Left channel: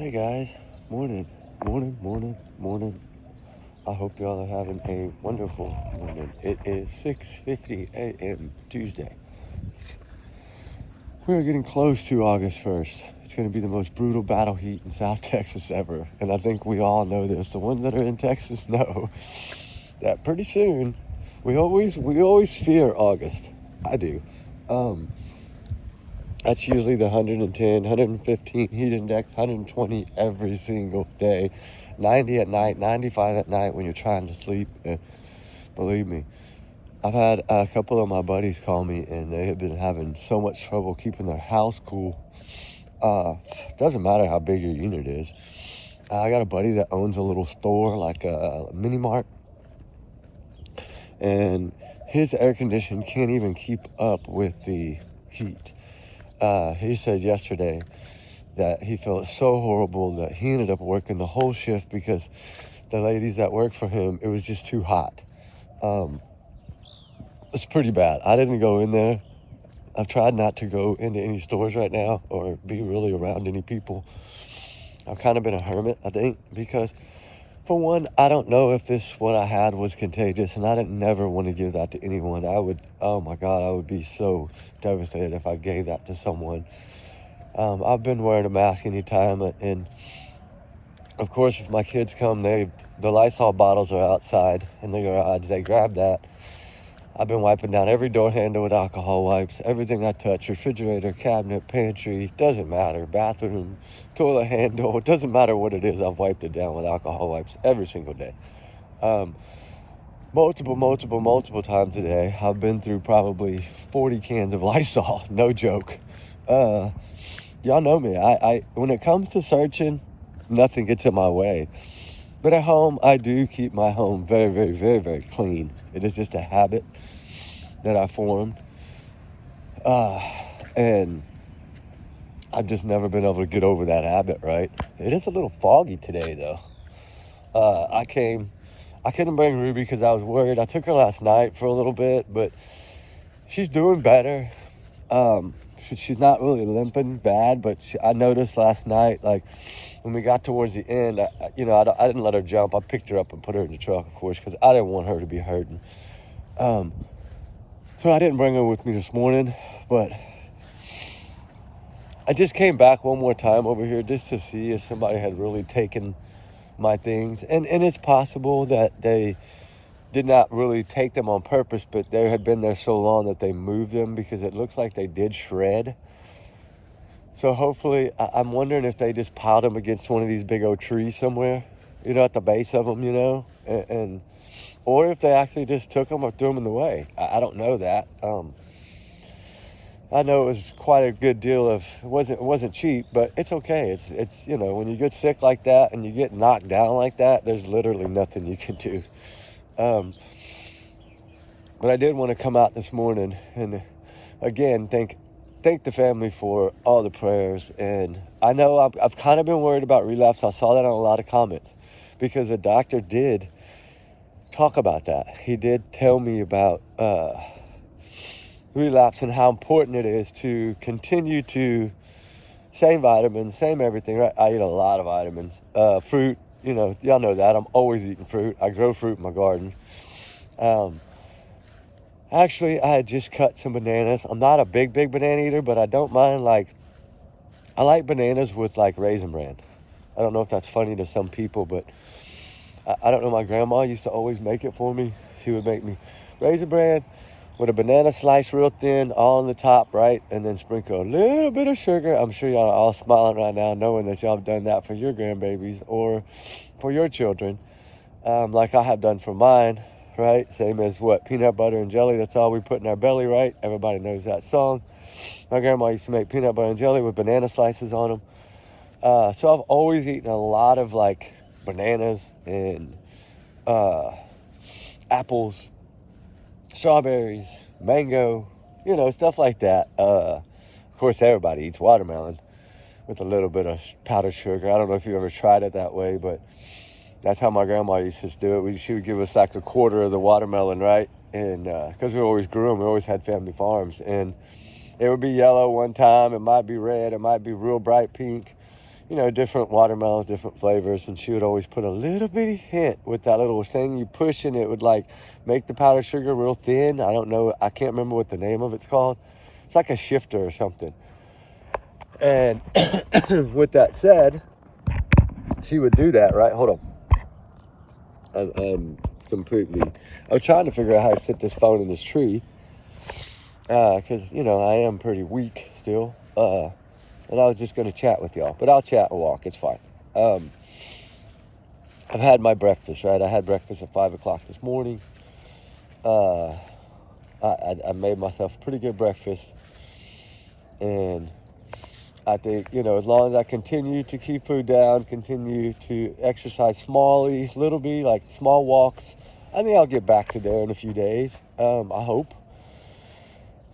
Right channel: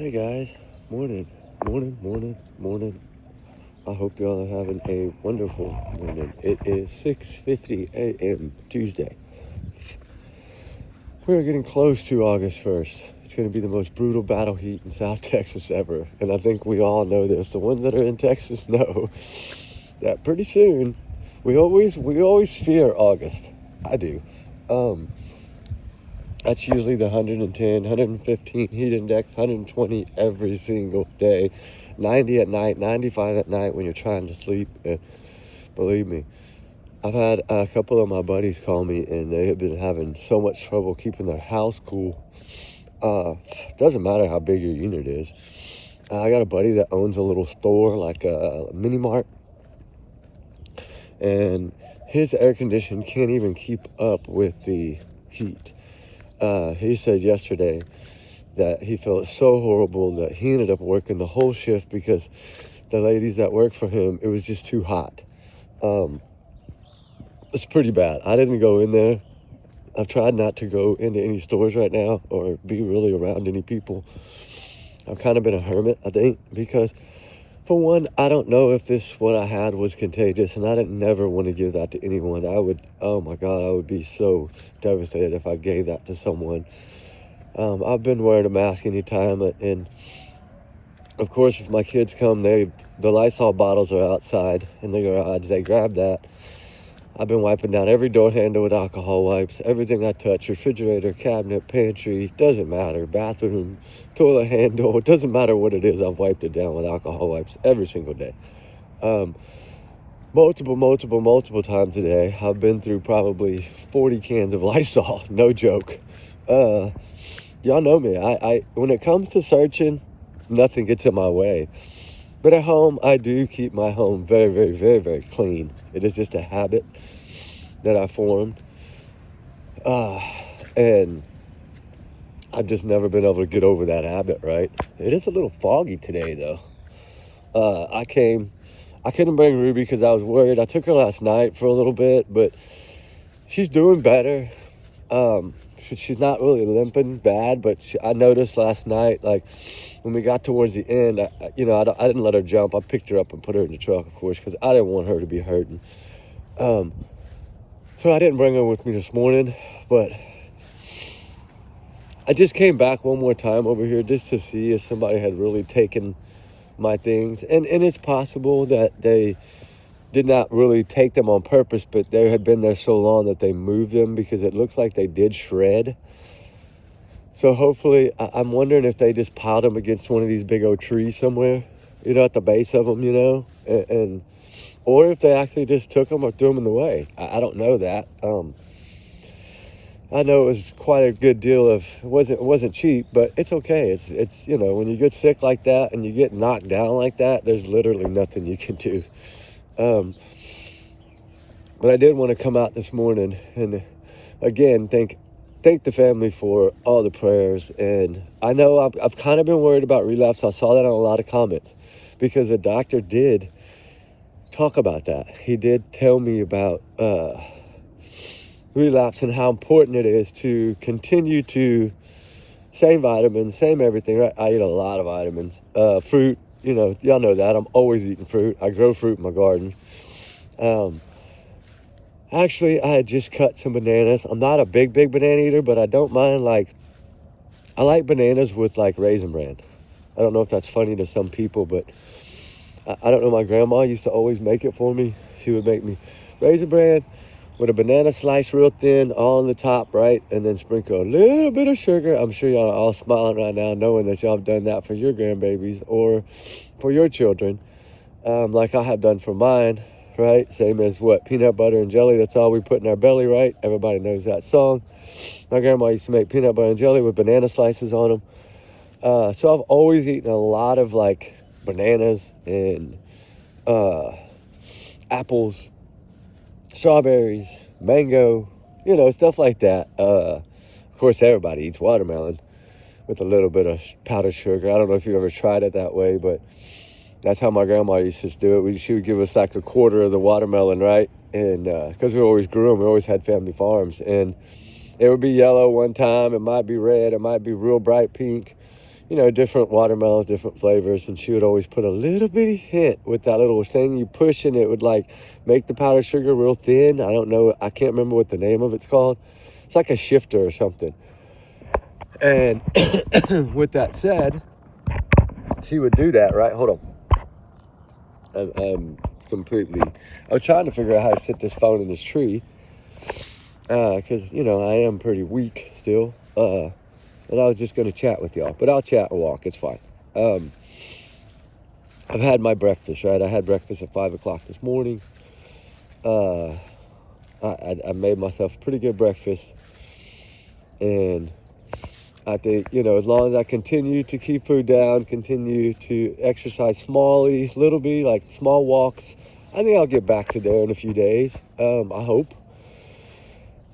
Hey guys, morning. I hope y'all are having a wonderful morning. It is 6:50 a.m. Tuesday. We're getting close to August 1st. It's going to be the most brutal battle heat in South Texas ever. And I think we all know this. The ones that are in Texas know that pretty soon we always fear August. I do. That's usually the 110, 115 heat index, 120 every single day, 90 at night, 95 at night when you're trying to sleep. Believe me, I've had a couple of my buddies call me, and they have been having so much trouble keeping their house cool. Doesn't matter how big your unit is. I got a buddy that owns a little store, like a mini mart, and his air conditioning can't even keep up with the heat. He said yesterday that he felt so horrible that he ended up working the whole shift because the ladies that worked for him, it was just too hot. It's pretty bad. I didn't go in there. I've tried not to go into any stores right now or be really around any people. I've kind of been a hermit, I think, because for one, I don't know if what I had was contagious, and I didn't never want to give that to anyone. Oh my God, I would be so devastated if I gave that to someone. I've been wearing a mask anytime, and of course, if my kids come, the Lysol bottles are outside in the garage. They grab that. I've been wiping down every door handle with alcohol wipes. Everything I touch, refrigerator, cabinet, pantry, doesn't matter. Bathroom, toilet handle, it doesn't matter what it is. I've wiped it down with alcohol wipes every single day. Multiple times a day. I've been through probably 40 cans of Lysol. No joke. Y'all know me. I when it comes to searching, nothing gets in my way. But at home, I do keep my home very clean. It is just a habit that I formed. And I've just never been able to get over that habit, right? It is a little foggy today, though. I couldn't bring Ruby because I was worried. I took her last night for a little bit, but she's doing better. She's not really limping bad, but I noticed last night, like, when we got towards the end, I didn't let her jump. I picked her up and put her in the truck, of course, because I didn't want her to be hurting. So I didn't bring her with me this morning, but I just came back one more time over here just to see if somebody had really taken my things. And it's possible that they did not really take them on purpose, but they had been there so long that they moved them because it looks like they did shred. So hopefully, I'm wondering if they just piled them against one of these big old trees somewhere, at the base of them, or if they actually just took them or threw them in the way. I don't know that. I know it was quite a good deal of, it wasn't cheap, but it's okay. It's when you get sick like that and you get knocked down like that, there's literally nothing you can do. But I did want to come out this morning and again thank the family for all the prayers. And I know I've kind of been worried about relapse. I saw that in a lot of comments because the doctor did talk about that. He did tell me about relapse and how important it is to continue to same vitamins, same everything, right? I eat a lot of vitamins. Fruit, y'all know that. I'm always eating fruit. I grow fruit in my garden. Actually, I had just cut some bananas. I'm not a big banana eater, but I don't mind, I like bananas with, Raisin Bran. I don't know if that's funny to some people, but I don't know. My grandma used to always make it for me. She would make me Raisin Bran with a banana slice real thin, all on the top, right? And then sprinkle a little bit of sugar. I'm sure y'all are all smiling right now knowing that y'all have done that for your grandbabies or for your children, like I have done for mine. Right? Same as peanut butter and jelly. That's all we put in our belly, right? Everybody knows that song. My grandma used to make peanut butter and jelly with banana slices on them. So I've always eaten a lot of bananas and apples, strawberries, mango, stuff like that. Of course, everybody eats watermelon with a little bit of powdered sugar. I don't know if you ever tried it that way, but that's how my grandma used to do it. She would give us a quarter of the watermelon, right? And because we always grew them, we always had family farms. And it would be yellow one time. It might be red. It might be real bright pink. different watermelons, different flavors, and she would always put a little bitty hint with that little thing you push, and it would like make the powdered sugar real thin. I don't know, I can't remember what the name of it's called. It's like a shifter or something. And with that said, she would do that, right? Hold on. I'm completely, I was trying to figure out how to sit this phone in this tree, because, I am pretty weak still, and I was just going to chat with y'all, but I'll chat and walk, it's fine. I've had my breakfast, right? I had breakfast at 5 o'clock this morning. I made myself a pretty good breakfast, and I think, as long as I continue to keep food down, continue to exercise smallly, like small walks, I think I'll get back to there in a few days. I hope.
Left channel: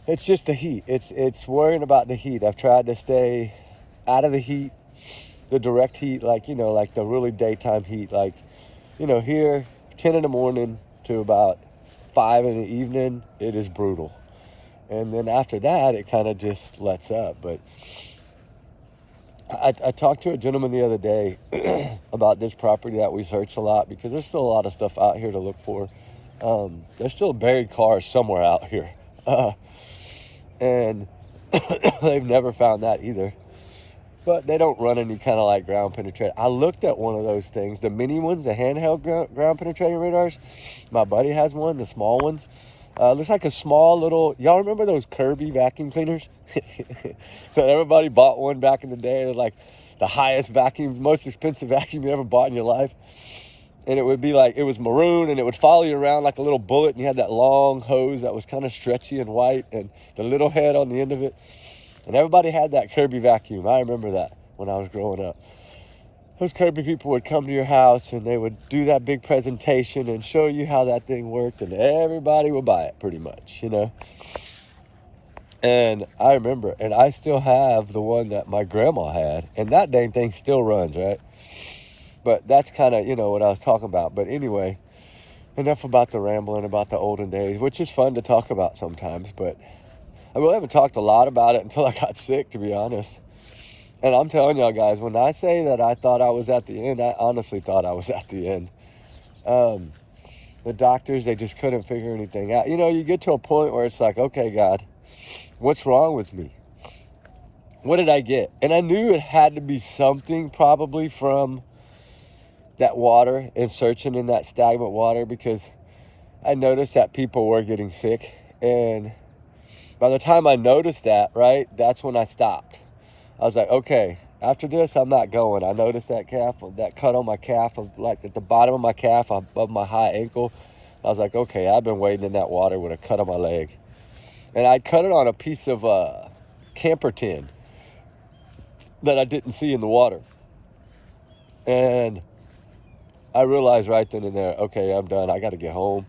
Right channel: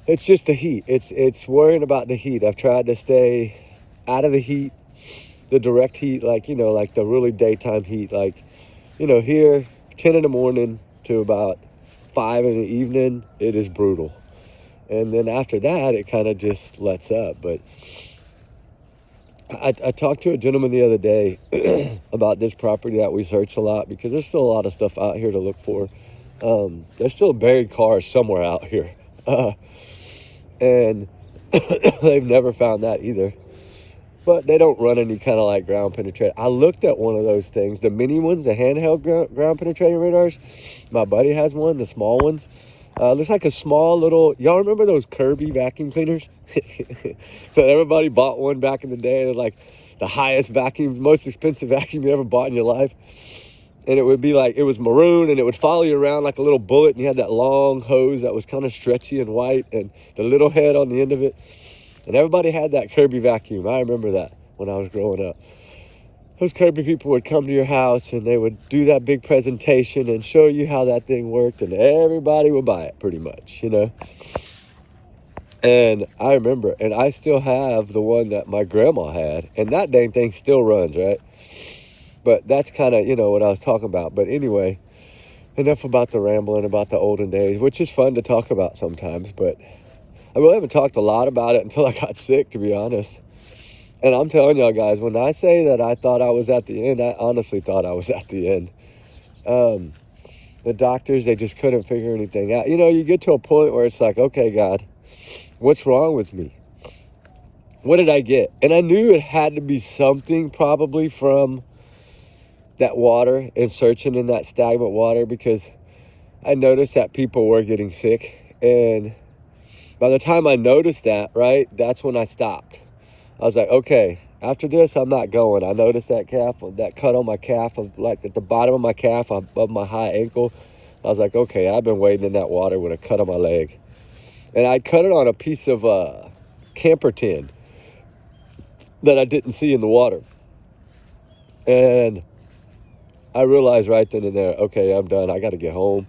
It's just the heat. It's worrying about the heat. I've tried to stay out of the heat, the direct heat, like the really daytime heat, like, here, 10 in the morning to about 5 in the evening, it is brutal. And then after that, it kind of just lets up. But I talked to a gentleman the other day about this property that we search a lot, because there's still a lot of stuff out here to look for. There's still buried cars somewhere out here. And they've never found that either. But they don't run any kind of like ground penetrating. I looked at one of those things, the mini ones, the handheld ground penetrating radars. My buddy has one, the small ones. Looks like a small little, y'all remember those Kirby vacuum cleaners? That everybody bought one back in the day. It was like the highest vacuum, most expensive vacuum you ever bought in your life. And it would be like, it was maroon, and it would follow you around like a little bullet, and you had that long hose that was kind of stretchy and white, and the little head on the end of it. And everybody had that Kirby vacuum. I remember that when I was growing up. Those Kirby people would come to your house, and they would do that big presentation and show you how that thing worked, and everybody would buy it pretty much, And I remember, and I still have the one that my grandma had, and that dang thing still runs, right? But that's kind of, what I was talking about. But anyway, enough about the rambling about the olden days, which is fun to talk about sometimes. But I really haven't talked a lot about it until I got sick, to be honest. And I'm telling y'all guys, when I say that I thought I was at the end, I honestly thought I was at the end. The doctors, they just couldn't figure anything out. You get to a point where it's like, okay, God, what's wrong with me? What did I get? And I knew it had to be something probably from that water and searching in that stagnant water, because I noticed that people were getting sick. And by the time I noticed that, right, that's when I stopped. I was like, okay, after this, I'm not going. I noticed that cut on my calf, of like at the bottom of my calf above my high ankle. I was like, okay, I've been wading in that water with a cut on my leg. And I cut it on a piece of camper tin that I didn't see in the water. And I realized right then and there, okay, I'm done. I got to get home.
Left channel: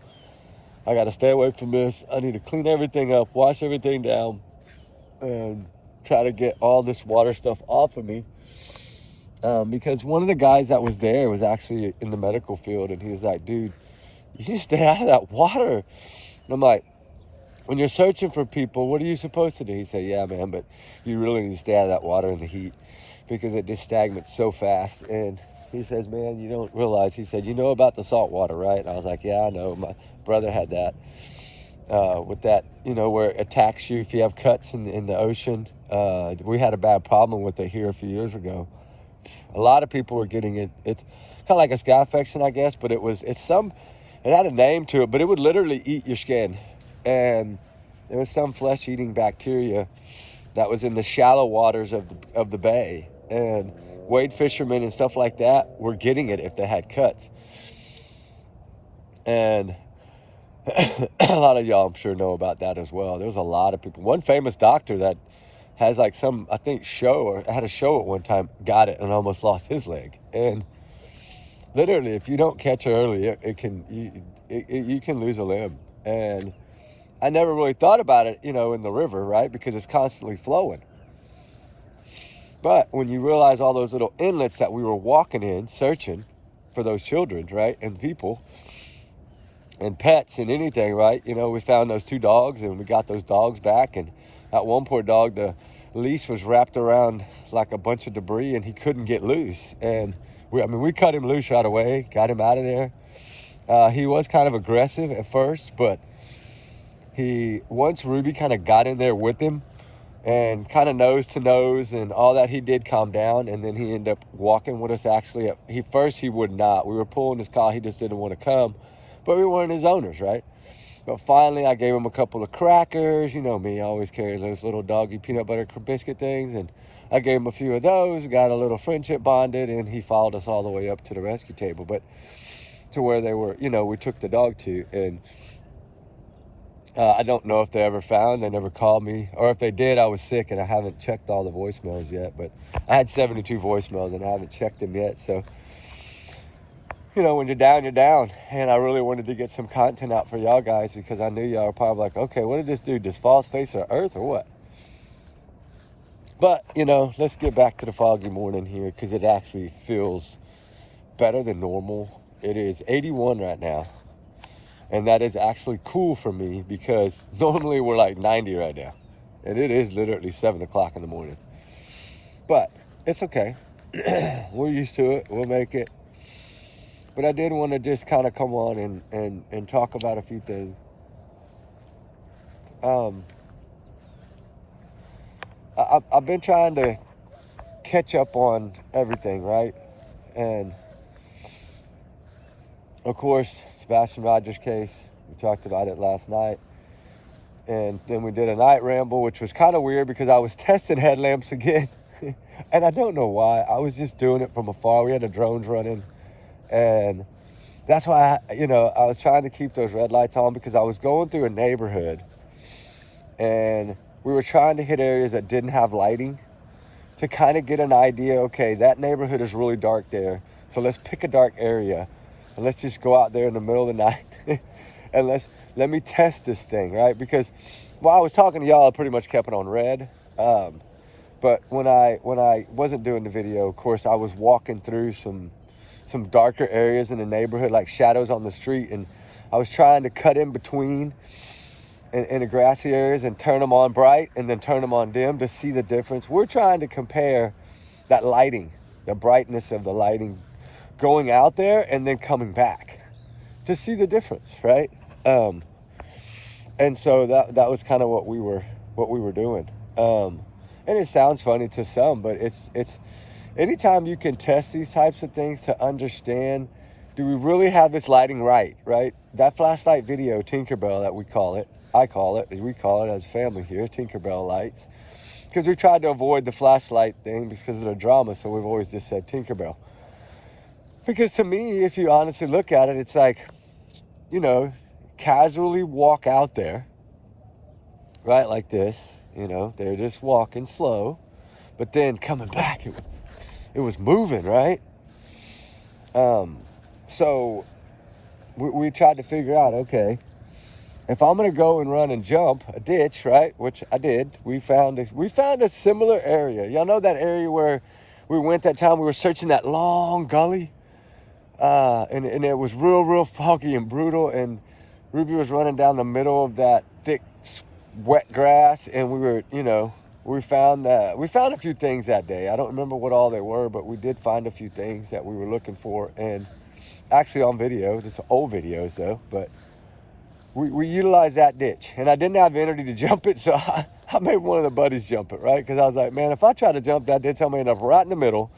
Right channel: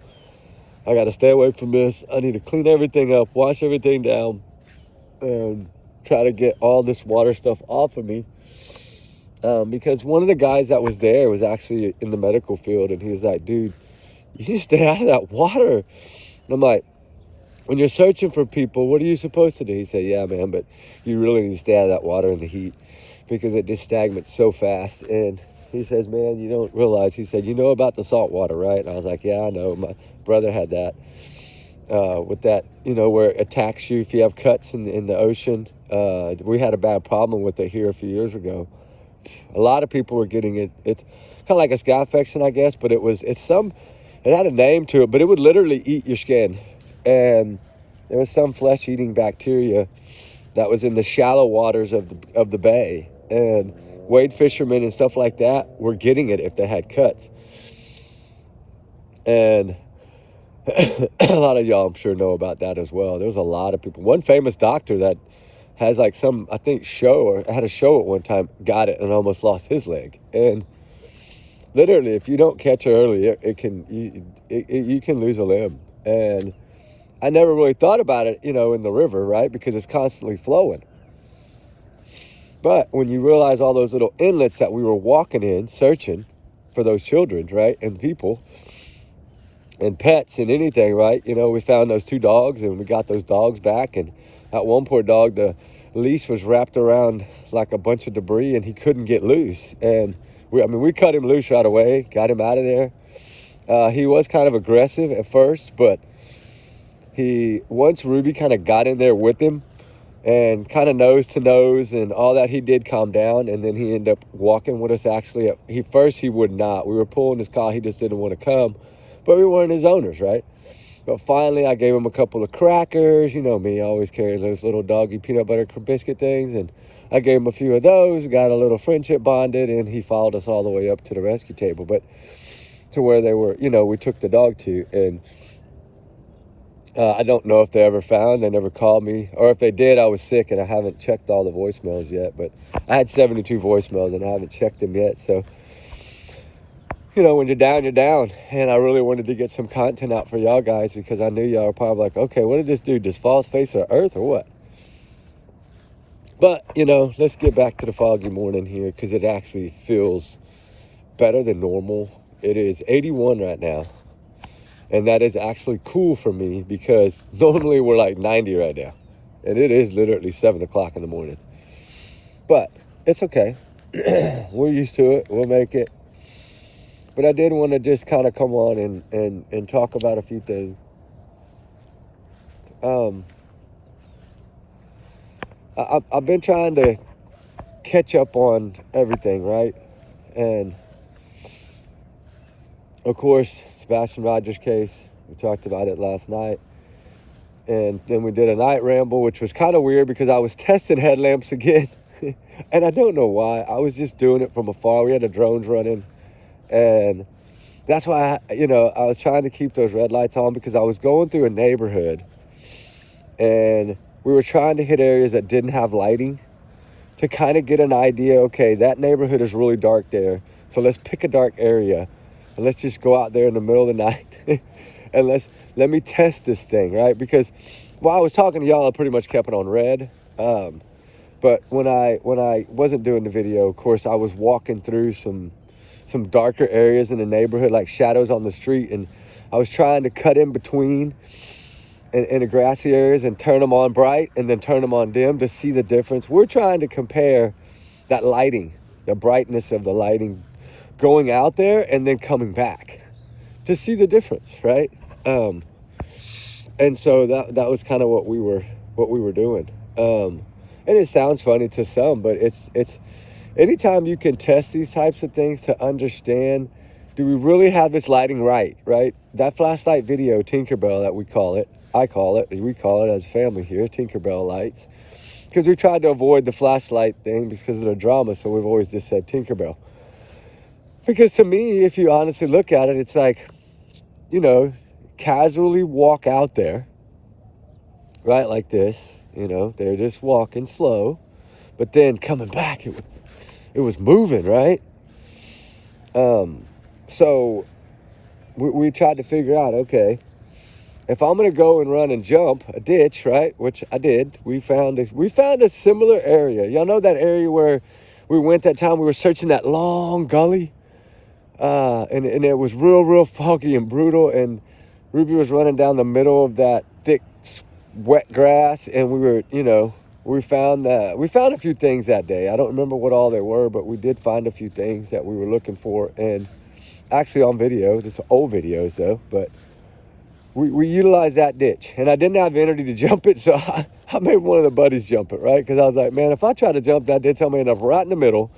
I got to stay away from this. I need to clean everything up, wash everything down, and try to get all this water stuff off of me. Because one of the guys that was there was actually in the medical field, and he was like, dude, you need to stay out of that water. And I'm like, when you're searching for people, what are you supposed to do? He said, yeah, man, but you really need to stay out of that water in the heat, because it just stagnates so fast. And he says, man, you don't realize, he said, you know about the salt water, right? And I was like, yeah, I know. My brother had that. With that, where it attacks you if you have cuts in the ocean. We had a bad problem with it here a few years ago. A lot of people were getting it. It's kind of like a scalp infection, I guess, but it had a name to it, but it would literally eat your skin. And there was some flesh-eating bacteria that was in the shallow waters of the bay. And wade fishermen and stuff like that were getting it if they had cuts. And a lot of y'all, I'm sure, know about that as well. There's a lot of people. One famous doctor that has like some, I think, had a show at one time, got it and almost lost his leg. And literally, if you don't catch it early, you can lose a limb. And I never really thought about it, in the river, right? Because it's constantly flowing. But when you realize all those little inlets that we were walking in, searching for those children, right, and people, and pets and anything, right? We found those 2 dogs, and we got those dogs back. And that one poor dog, the leash was wrapped around like a bunch of debris and he couldn't get loose. And we cut him loose right away, got him out of there. He was kind of aggressive at first, but once Ruby kind of got in there with him and kind of nose to nose and all that, he did calm down, and then he ended up walking with us. Actually, first he would not. We were pulling his collar, he just didn't want to come, but we weren't his owners, right? But finally, I gave him a couple of crackers. You know me, I always carry those little doggy peanut butter biscuit things, and I gave him a few of those, got a little friendship bonded, and he followed us all the way up to the rescue table, but to where they were, we took the dog to. And I don't know if they ever found, they never called me, or if they did, I was sick and I haven't checked all the voicemails yet, but I had 72 voicemails and I haven't checked them yet. So, when you're down, you're down. And I really wanted to get some content out for y'all guys, because I knew y'all were probably like, okay, what did this do? Just fall face of earth or what? But, let's get back to the foggy morning here, because it actually feels better than normal. It is 81 right now. And that is actually cool for me, because normally we're like 90 right now. And it is literally 7 o'clock in the morning. But it's okay. We're used to it. We'll make it. But I did want to just kind of come on and talk about a few things. I've been trying to catch up on everything, right? And, of course, Sebastian Rogers case, we talked about it last night. And then we did a night ramble, which was kind of weird because I was testing headlamps again. And I don't know why. I was just doing it from afar. We had the drones running. And that's why, I was trying to keep those red lights on, because I was going through a neighborhood. And we were trying to hit areas that didn't have lighting to kind of get an idea, okay, that neighborhood is really dark there. So let's pick a dark area. And let's just go out there in the middle of the night and let me test this thing, right? Because while I was talking to y'all, I pretty much kept it on red. But when I wasn't doing the video, of course, I was walking through some darker areas in the neighborhood, like shadows on the street, and I was trying to cut in between in the grassy areas and turn them on bright and then turn them on dim to see the difference. We're trying to compare that lighting, the brightness of the lighting, going out there and then coming back to see the difference, right? And so that was kind of what we were doing. And it sounds funny to some, but it's anytime you can test these types of things to understand, do we really have this lighting right? That flashlight video, Tinkerbell that we call it, we call it as family here, Tinkerbell lights, because we tried to avoid the flashlight thing because of the drama, so we've always just said Tinkerbell. Because to me, if you honestly look at it, it's like, casually walk out there, right, like this, they're just walking slow, but then coming back, it was moving, right? So we tried to figure out, okay, if I'm going to go and run and jump a ditch, right, which I did, we found a similar area. Y'all know that area where we went that time we were searching that long gully? And it was real foggy and brutal, and Ruby was running down the middle of that thick, wet grass, and we found a few things that day. I don't remember what all they were, but we did find a few things that we were looking for, and actually on video, just old videos though, but we utilized that ditch, and I didn't have energy to jump it, so I made one of the buddies jump it, right? Because I was like, man, if I try to jump that ditch, I'm going to end up right in the middle,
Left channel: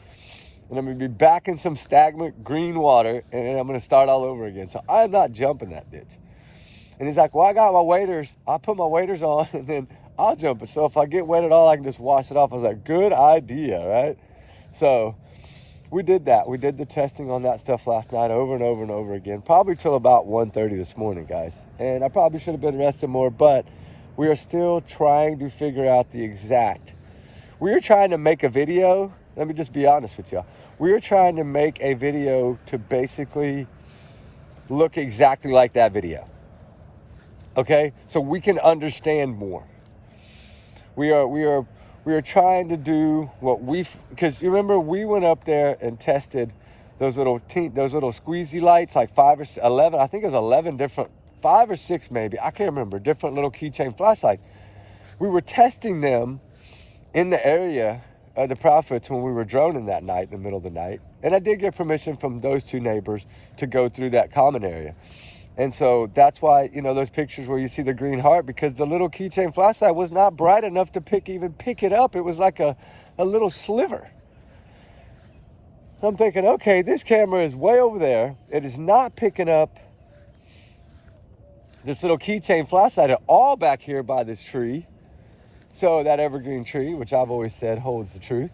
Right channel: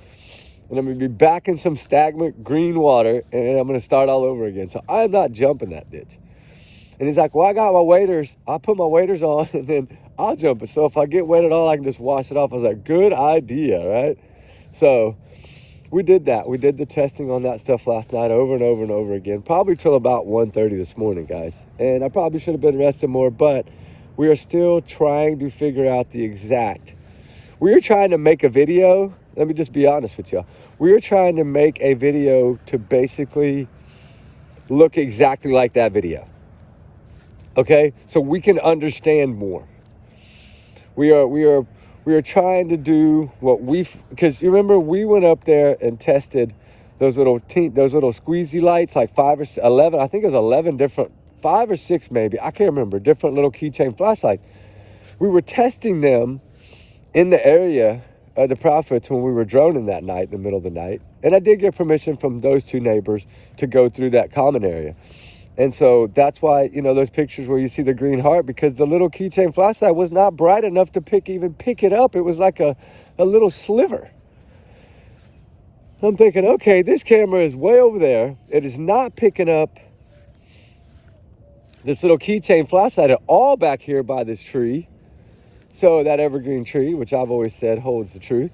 and I'm going to be back in some stagnant green water, and I'm going to start all over again. So I'm not jumping that ditch. And he's like, well, I got my waders. I'll put my waders on, and then I'll jump it. So if I get wet at all, I can just wash it off. I was like, good idea, right? So we did that. We did the testing on that stuff last night over and over and over again, probably till about 1:30 this morning, guys. And I probably should have been resting more, but we are still trying to figure out the exact. We were trying to make a video. Let me just be honest with you. We were trying to make a video to basically look exactly like that video. Okay? So we can understand more. We are trying to do what because you remember we went up there and tested those little squeezy lights, like 5 or 11, I think it was 11 different, 5 or 6 maybe, I can't remember, different little keychain flashlights. We were testing them in the area of the profits when we were droning that night in the middle of the night. And I did get permission from those two neighbors to go through that common area. And so that's why, you know, those pictures where you see the green heart, because the little keychain flashlight was not bright enough to pick it up. It was like a little sliver. I'm thinking, okay, this camera is way over there. It is not picking up this little keychain flashlight at all back here by this tree. So that evergreen tree, which I've always said holds the truth.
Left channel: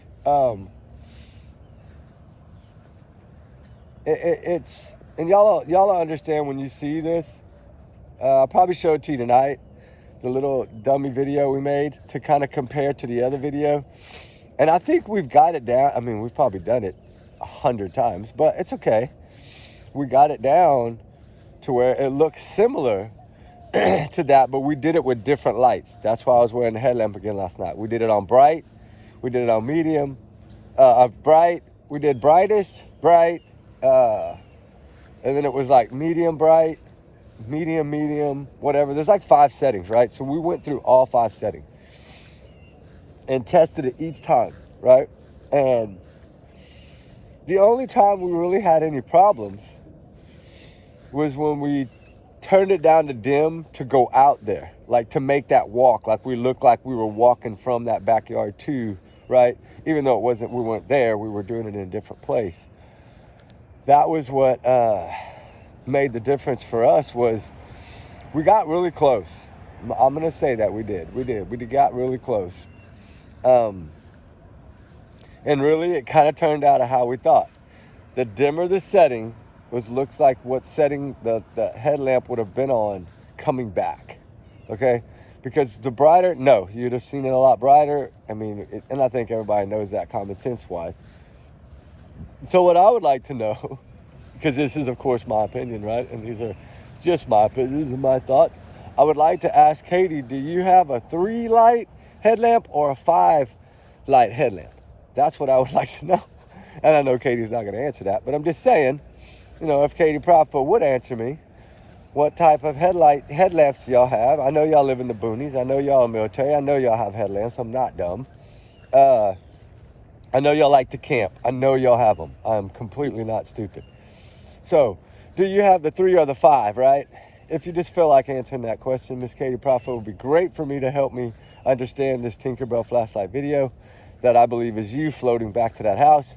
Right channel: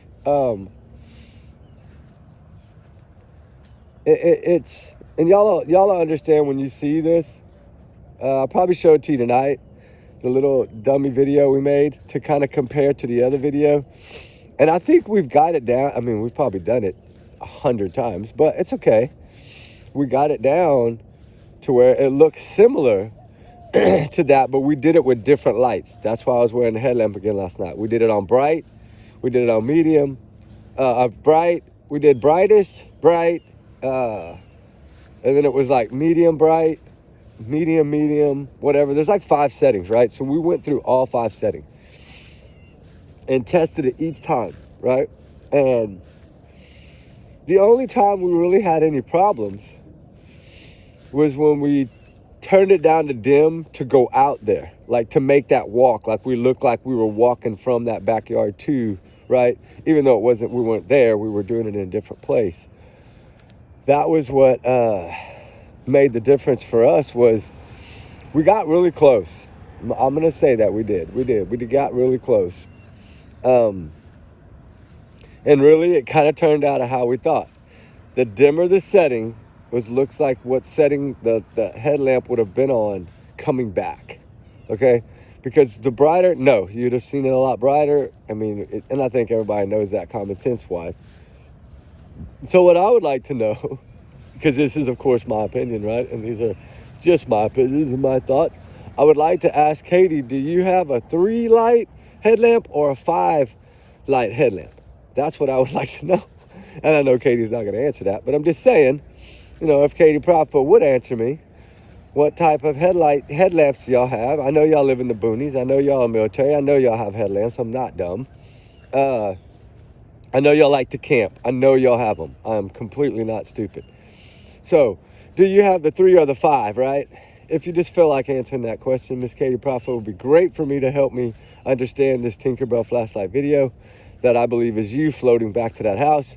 It's, and y'all understand when you see this. I'll probably show it to you tonight, the little dummy video we made to kind of compare to the other video. And I think we've got it down. I mean, we've probably done it 100 times, but it's okay. We got it down to where it looks similar to that, but we did it with different lights. That's why I was wearing the headlamp again last night. We did it on bright, we did it on medium, bright, we did brightest, bright, and then it was like medium bright, medium, whatever. There's like 5 settings, right? So we went through all 5 settings and tested it each time, right? And the only time we really had any problems was when we turned it down to dim to go out there, like to make that walk, like we looked like we were walking from that backyard too, right? Even though we weren't there, we were doing it in a different place. That was what made the difference for us. Was we got really close. I'm gonna say that we got really close. And really it kind of turned out how we thought. The dimmer the setting looks like what setting the headlamp would have been on coming back, okay? Because the brighter, no, you'd have seen it a lot brighter. I mean, and I think everybody knows that common sense wise. So what I would like to know, because this is of course my opinion, right? And these are just my opinions and my thoughts. I would like to ask Katie, do you have a 3 light headlamp or a 5 light headlamp? That's what I would like to know. And I know Katie's not gonna answer that, but I'm just saying, you know, if Katie Propo would answer me, what type of headlamps do y'all have? I know y'all live in the boonies. I know y'all are military. I know y'all have headlamps. I'm not dumb. I know y'all like to camp. I know y'all have them. I'm completely not stupid. So, do you have the 3 or the 5, right? If you just feel like answering that question, Miss Katie Propo, would be great for me to help me understand this Tinkerbell flashlight video that I believe is you floating back to that house.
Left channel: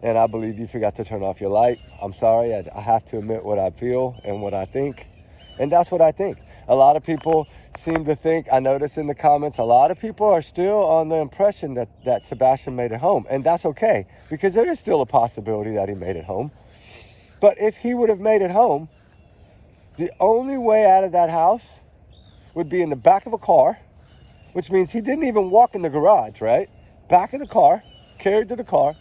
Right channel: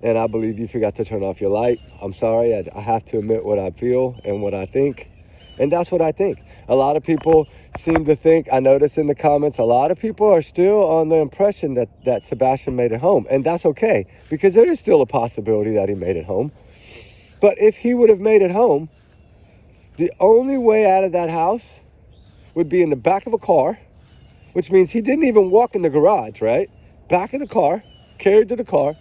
And I believe you forgot to turn off your light. I'm sorry, I have to admit what I feel and what I think. And that's what I think. A lot of people seem to think, I noticed in the comments, a lot of people are still on the impression that Sebastian made it home. And that's okay, because there is still a possibility that he made it home. But if he would have made it home, the only way out of that house would be in the back of a car, which means he didn't even walk in the garage, right? Back of the car, carried to the car,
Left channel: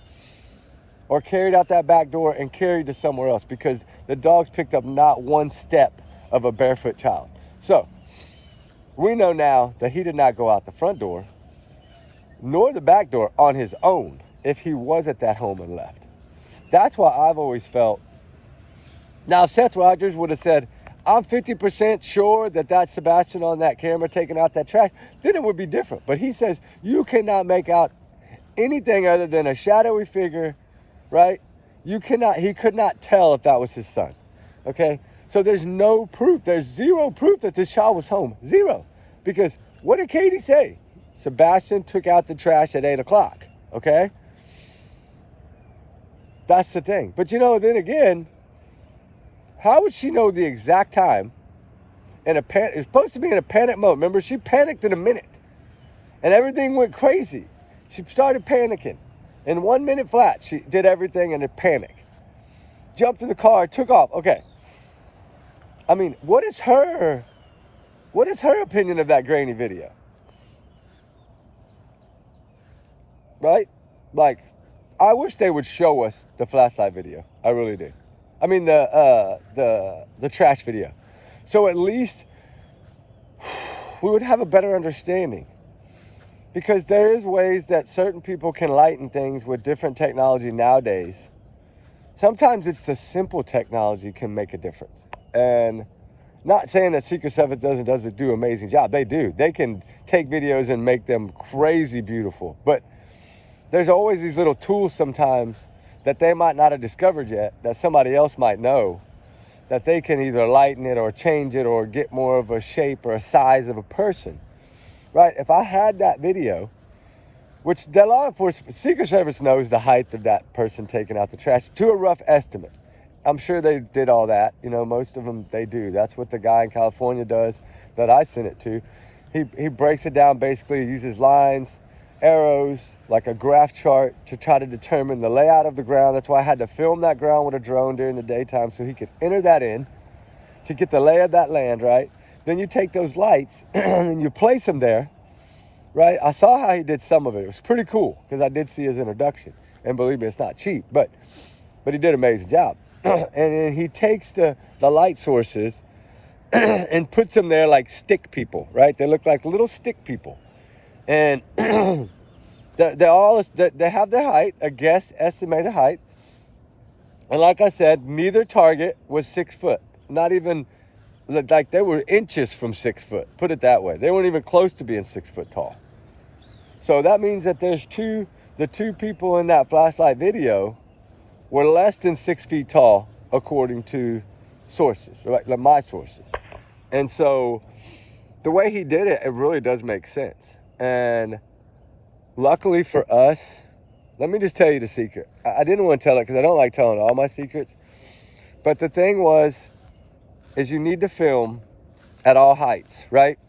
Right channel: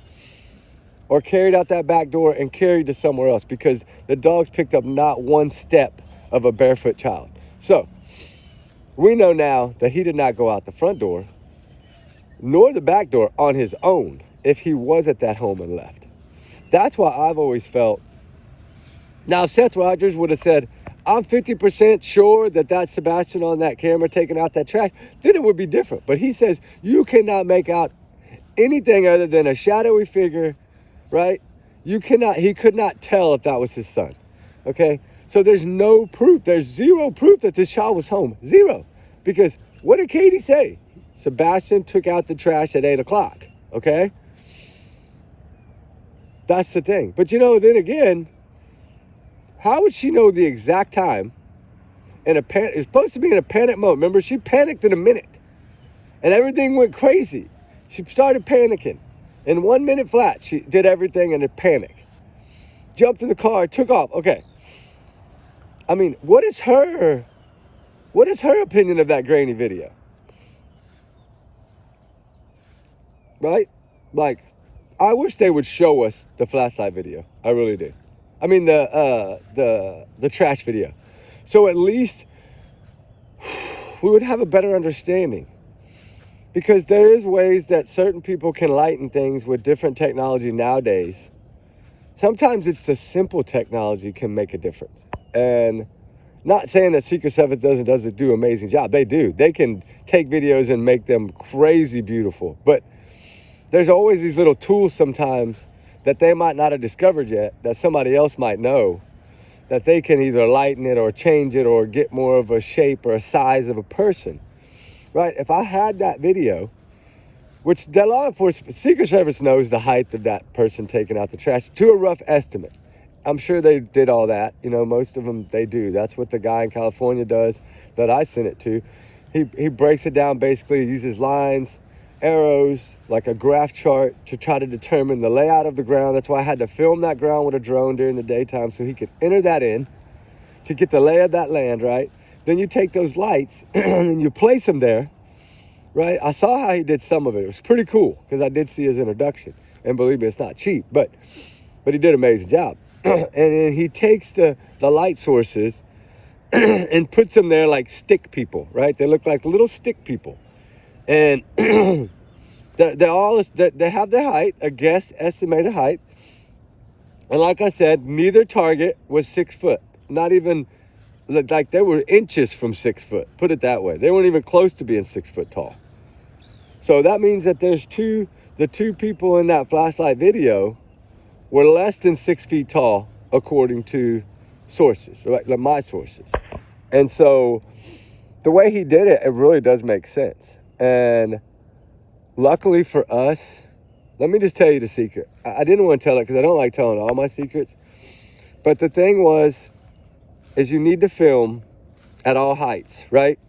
or carried out that back door and carried to somewhere else, because the dogs picked up not one step of a barefoot child. So we know now that he did not go out the front door nor the back door on his own if he was at that home and left. That's why I've always felt. Now, if Seth Rogers would have said, I'm 50% sure that that's Sebastian on that camera taking out that trash, then it would be different. But he says you cannot make out anything other than a shadowy figure, right? He could not tell if that was his son, okay? So there's no proof. There's zero proof that this child was home. Zero. Because what did Katie say? Sebastian took out the trash at 8 o'clock, okay? That's the thing. But you know, then again, how would she know the exact time? It's supposed to be in a panic mode. Remember, she panicked in a minute. And everything went crazy. She started panicking. In 1 minute flat, she did everything in a panic. Jumped in the car, took off. Okay. I mean, what is her opinion of that grainy video? Right? Like, I wish they would show us the flashlight video. I really do. I mean, the trash video. So at least we would have a better understanding. Because there is ways that certain people can lighten things with different technology nowadays. Sometimes it's the simple technology can make a difference. And Not saying that Secret Service doesn't do an amazing job. They do. They can take videos and make them crazy beautiful. But there's always these little tools sometimes that they might not have discovered yet, that somebody else might know, that they can either lighten it or change it or get more of a shape or a size of a person, right? If I had that video, which the law enforcement, Secret Service knows the height of that person taking out the trash to a rough estimate. I'm sure they did all that. You know, most of them, they do. That's what the guy in California does that I sent it to. He breaks it down, basically uses lines, arrows, like a graph chart to try to determine the layout of the ground. That's why I had to film that ground with a drone during the daytime so he could enter that in to get the lay of that land, right? Then you take those lights and you place them there, right? I saw how he did some of it. It was pretty cool because I did see his introduction. And believe me, it's not cheap, but he did an amazing job. And then he takes the light sources and puts them there like stick people, right? They look like little stick people. And they have their height, a guess estimated height. And like I said, neither target was 6 foot. Not even, like they were inches from 6 foot. Put it that way. They weren't even close to being 6 foot tall. So that means that the two people in that flashlight video were less than 6 feet tall, according to sources, right? Like my sources. And so the way he did it, it really does make sense. And luckily for us, let me just tell you the secret. I didn't want to tell it because I don't like telling all my secrets. But the thing is you need to film at all heights, right?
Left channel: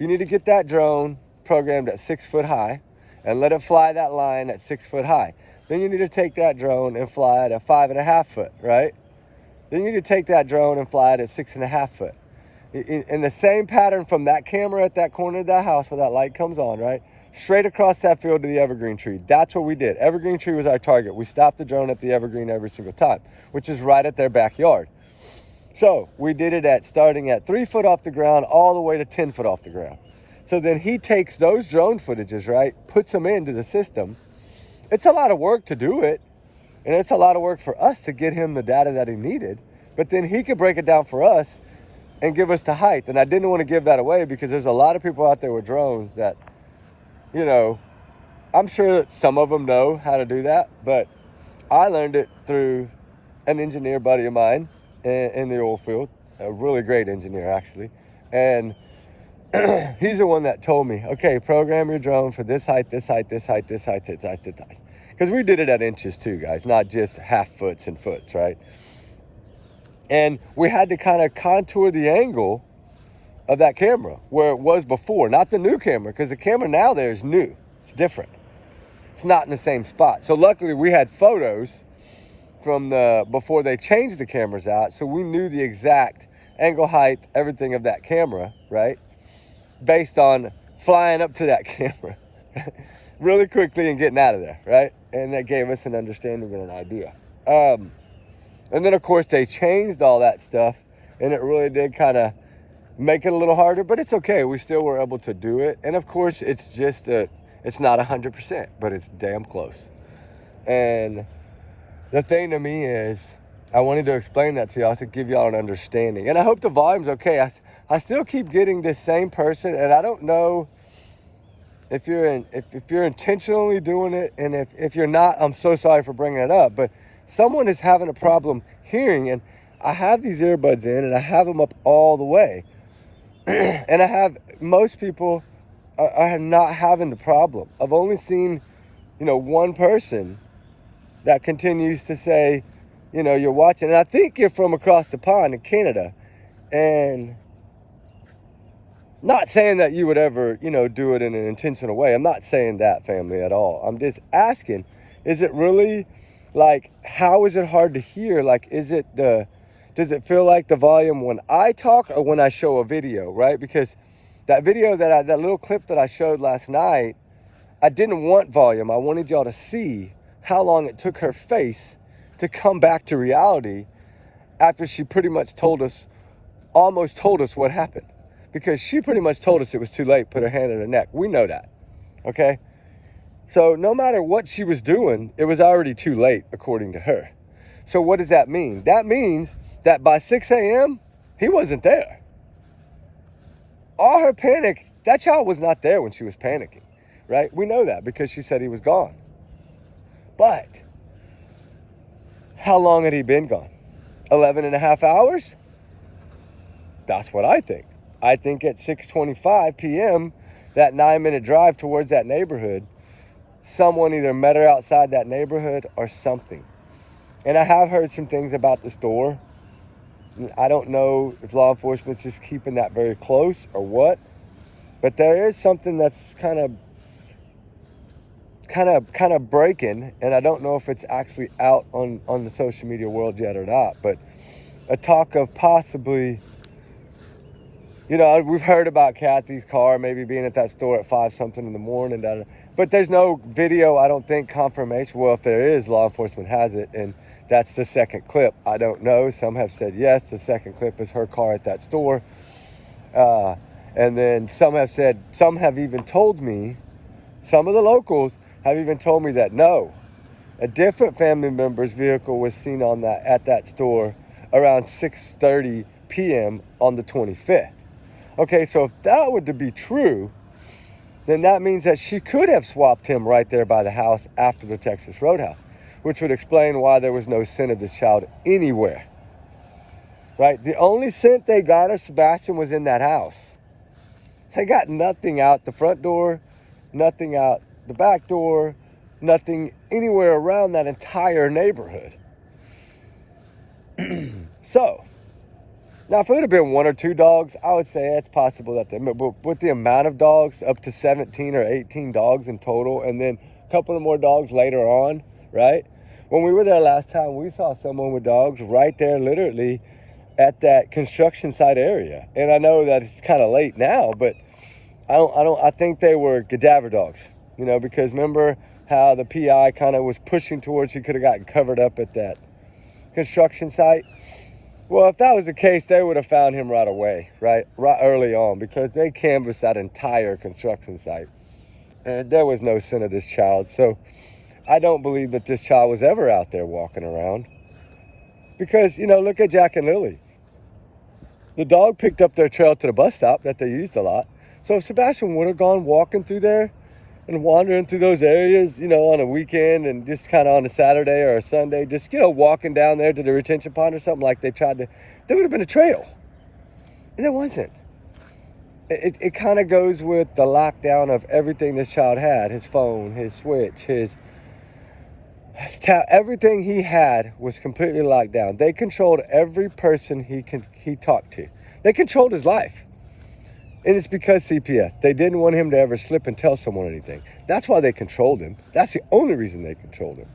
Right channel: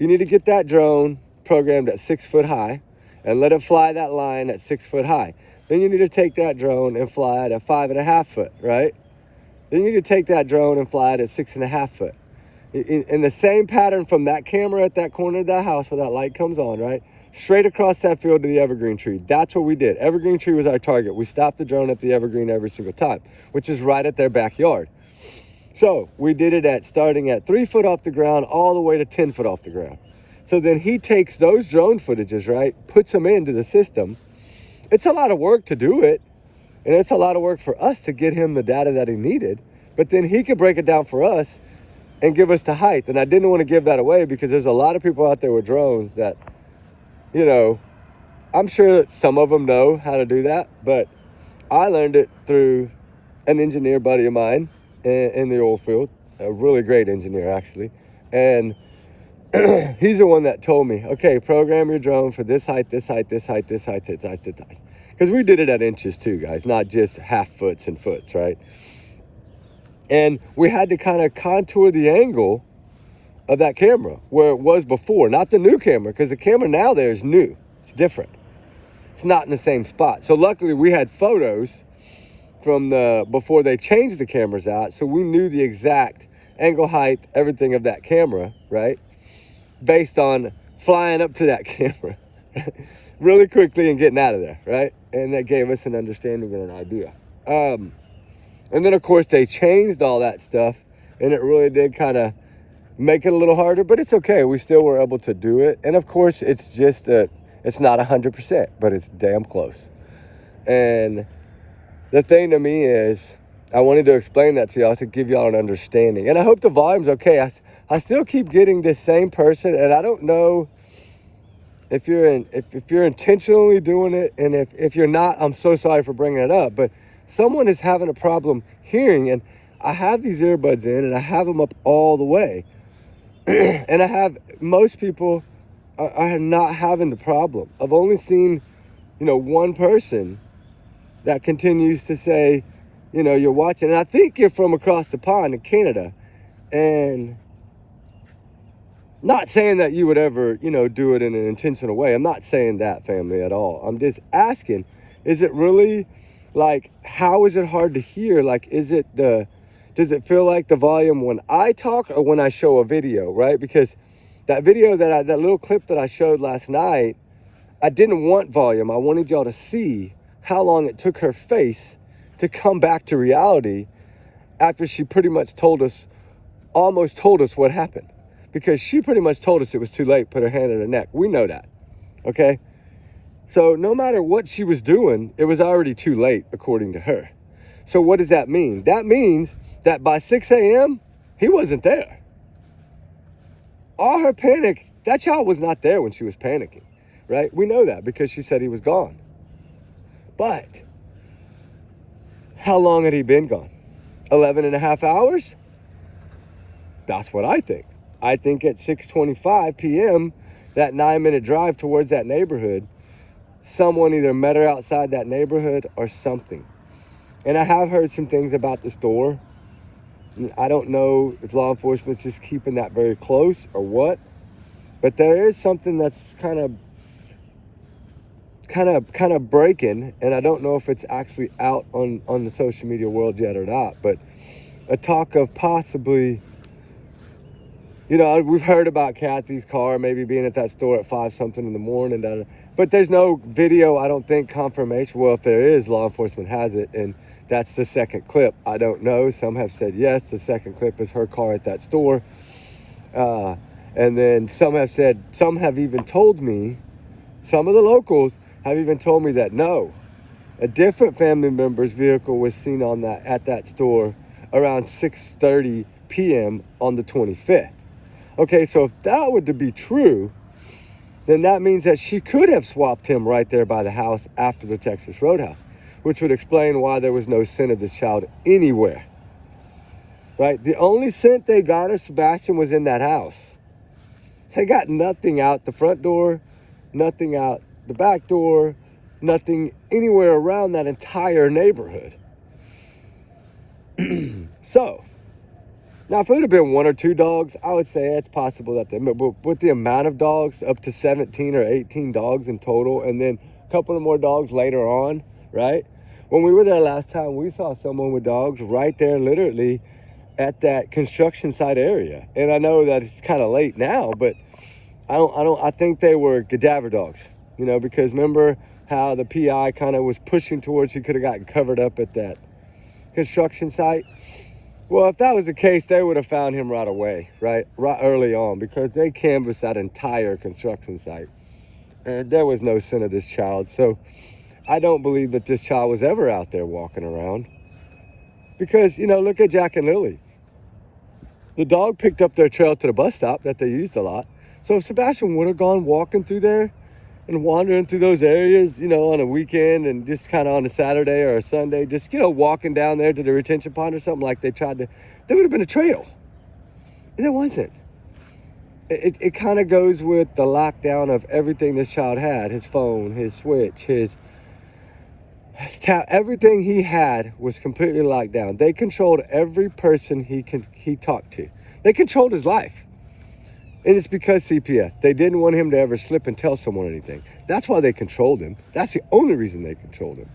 You need to get that drone programmed at 6 foot high and let it fly that line at 6 foot high. Then you need to take that drone and fly it at 5.5 foot, right? Then you need to take that drone and fly it at 6.5 foot. In the same pattern from that camera at that corner of that house where that light comes on, right? Straight across that field to the evergreen tree. That's what we did. Evergreen tree was our target. We stopped the drone at the evergreen every single time, which is right at their backyard. So we did it starting at 3 foot off the ground all the way to 10 foot off the ground. So then he takes those drone footages, right? Puts them into the system. It's a lot of work to do it. And it's a lot of work for us to get him the data that he needed. But then he could break it down for us and give us the height. And I didn't want to give that away because there's a lot of people out there with drones that, you know, I'm sure that some of them know how to do that. But I learned it through an engineer buddy of mine in the oil field. A really great engineer, actually. And he's the one that told me, okay, program your drone for this height, this height, this height, this height, this height, this height. Because we did it at inches too, guys, not just half foots and foots, right? And we had to kind of contour the angle of that camera where it was before, not the new camera, because the camera now there is new. It's different. It's not in the same spot. So luckily we had photos from before they changed the cameras out, so we knew the exact angle, height, everything of that camera, right? Based on flying up to that camera really quickly and getting out of there, right? And that gave us an understanding and an idea. And then, of course, they changed all that stuff, and it really did kind of make it a little harder, but it's okay. We still were able to do it. And, of course, it's just it's not 100%, but it's damn close. And the thing to me is, I wanted to explain that to y'all to give y'all an understanding. And I hope the volume's okay. I still keep getting this same person, and I don't know if you're intentionally doing it, and if you're not, I'm so sorry for bringing it up, but someone is having a problem hearing, and I have these earbuds in, and I have them up all the way, and I have, most people are not having the problem. I've only seen, one person that continues to say, you're watching, and I think you're from across the pond in Canada, and not saying that you would ever, do it in an intentional way. I'm not saying that, family, at all. I'm just asking, is it really, how is it hard to hear? Does it feel like the volume when I talk or when I show a video, right? Because that video, that little clip that I showed last night, I didn't want volume. I wanted y'all to see how long it took her face to come back to reality after she pretty much almost told us what happened. Because she pretty much told us it was too late, put her hand on her neck. We know that, okay? So no matter what she was doing, it was already too late, according to her. So what does that mean? That means that by 6 a.m., He wasn't there. All her panic, that child was not there when she was panicking, right? We know that because she said he was gone. But how long had he been gone? 11 and a half hours? That's what I think. I think at 6:25 p.m., that 9-minute drive towards that neighborhood, someone either met her outside that neighborhood or something. And I have heard some things about the store. I don't know if law enforcement's just keeping that very close or what, but there is something that's kind of breaking, and I don't know if it's actually out on the social media world yet or not, but a talk of possibly, we've heard about Kathy's car maybe being at that store at 5-something in the morning, but there's no video, I don't think, confirmation. Well, if there is, law enforcement has it, and that's the second clip. I don't know. Some have said yes, the second clip is her car at that store. And then some have even told me, some of the locals have even told me that no, a different family member's vehicle was seen at that store around 6:30 p.m. on the 25th. Okay, so if that were to be true, then that means that she could have swapped him right there by the house after the Texas Roadhouse, which would explain why there was no scent of this child anywhere. Right? The only scent they got of Sebastian was in that house. They got nothing out the front door, nothing out the back door, nothing anywhere around that entire neighborhood. So, now if it would have been 1 or 2 dogs, I would say it's possible that but with the amount of dogs, up to 17 or 18 dogs in total, and then a couple of more dogs later on, right? When we were there last time, we saw someone with dogs right there, literally at that construction site area. And I know that it's kind of late now, but I think they were cadaver dogs, because remember how the PI kind of was pushing towards, he could have gotten covered up at that construction site. Well, if that was the case, they would have found him right away, right early on, because they canvassed that entire construction site. And there was no scent of this child. So I don't believe that this child was ever out there walking around. Because, look at Jack and Lily. The dog picked up their trail to the bus stop that they used a lot. So if Sebastian would have gone walking through there and wandering through those areas, on a weekend and just kind of on a Saturday or a Sunday, just, walking down there to the retention pond or something like they tried to, there would have been a trail. And there wasn't. It kind of goes with the lockdown of everything this child had, his phone, his switch, everything he had was completely locked down. They controlled every person he talked to. They controlled his life. And it's because CPS. They didn't want him to ever slip and tell someone anything. That's why they controlled him. That's the only reason they controlled him.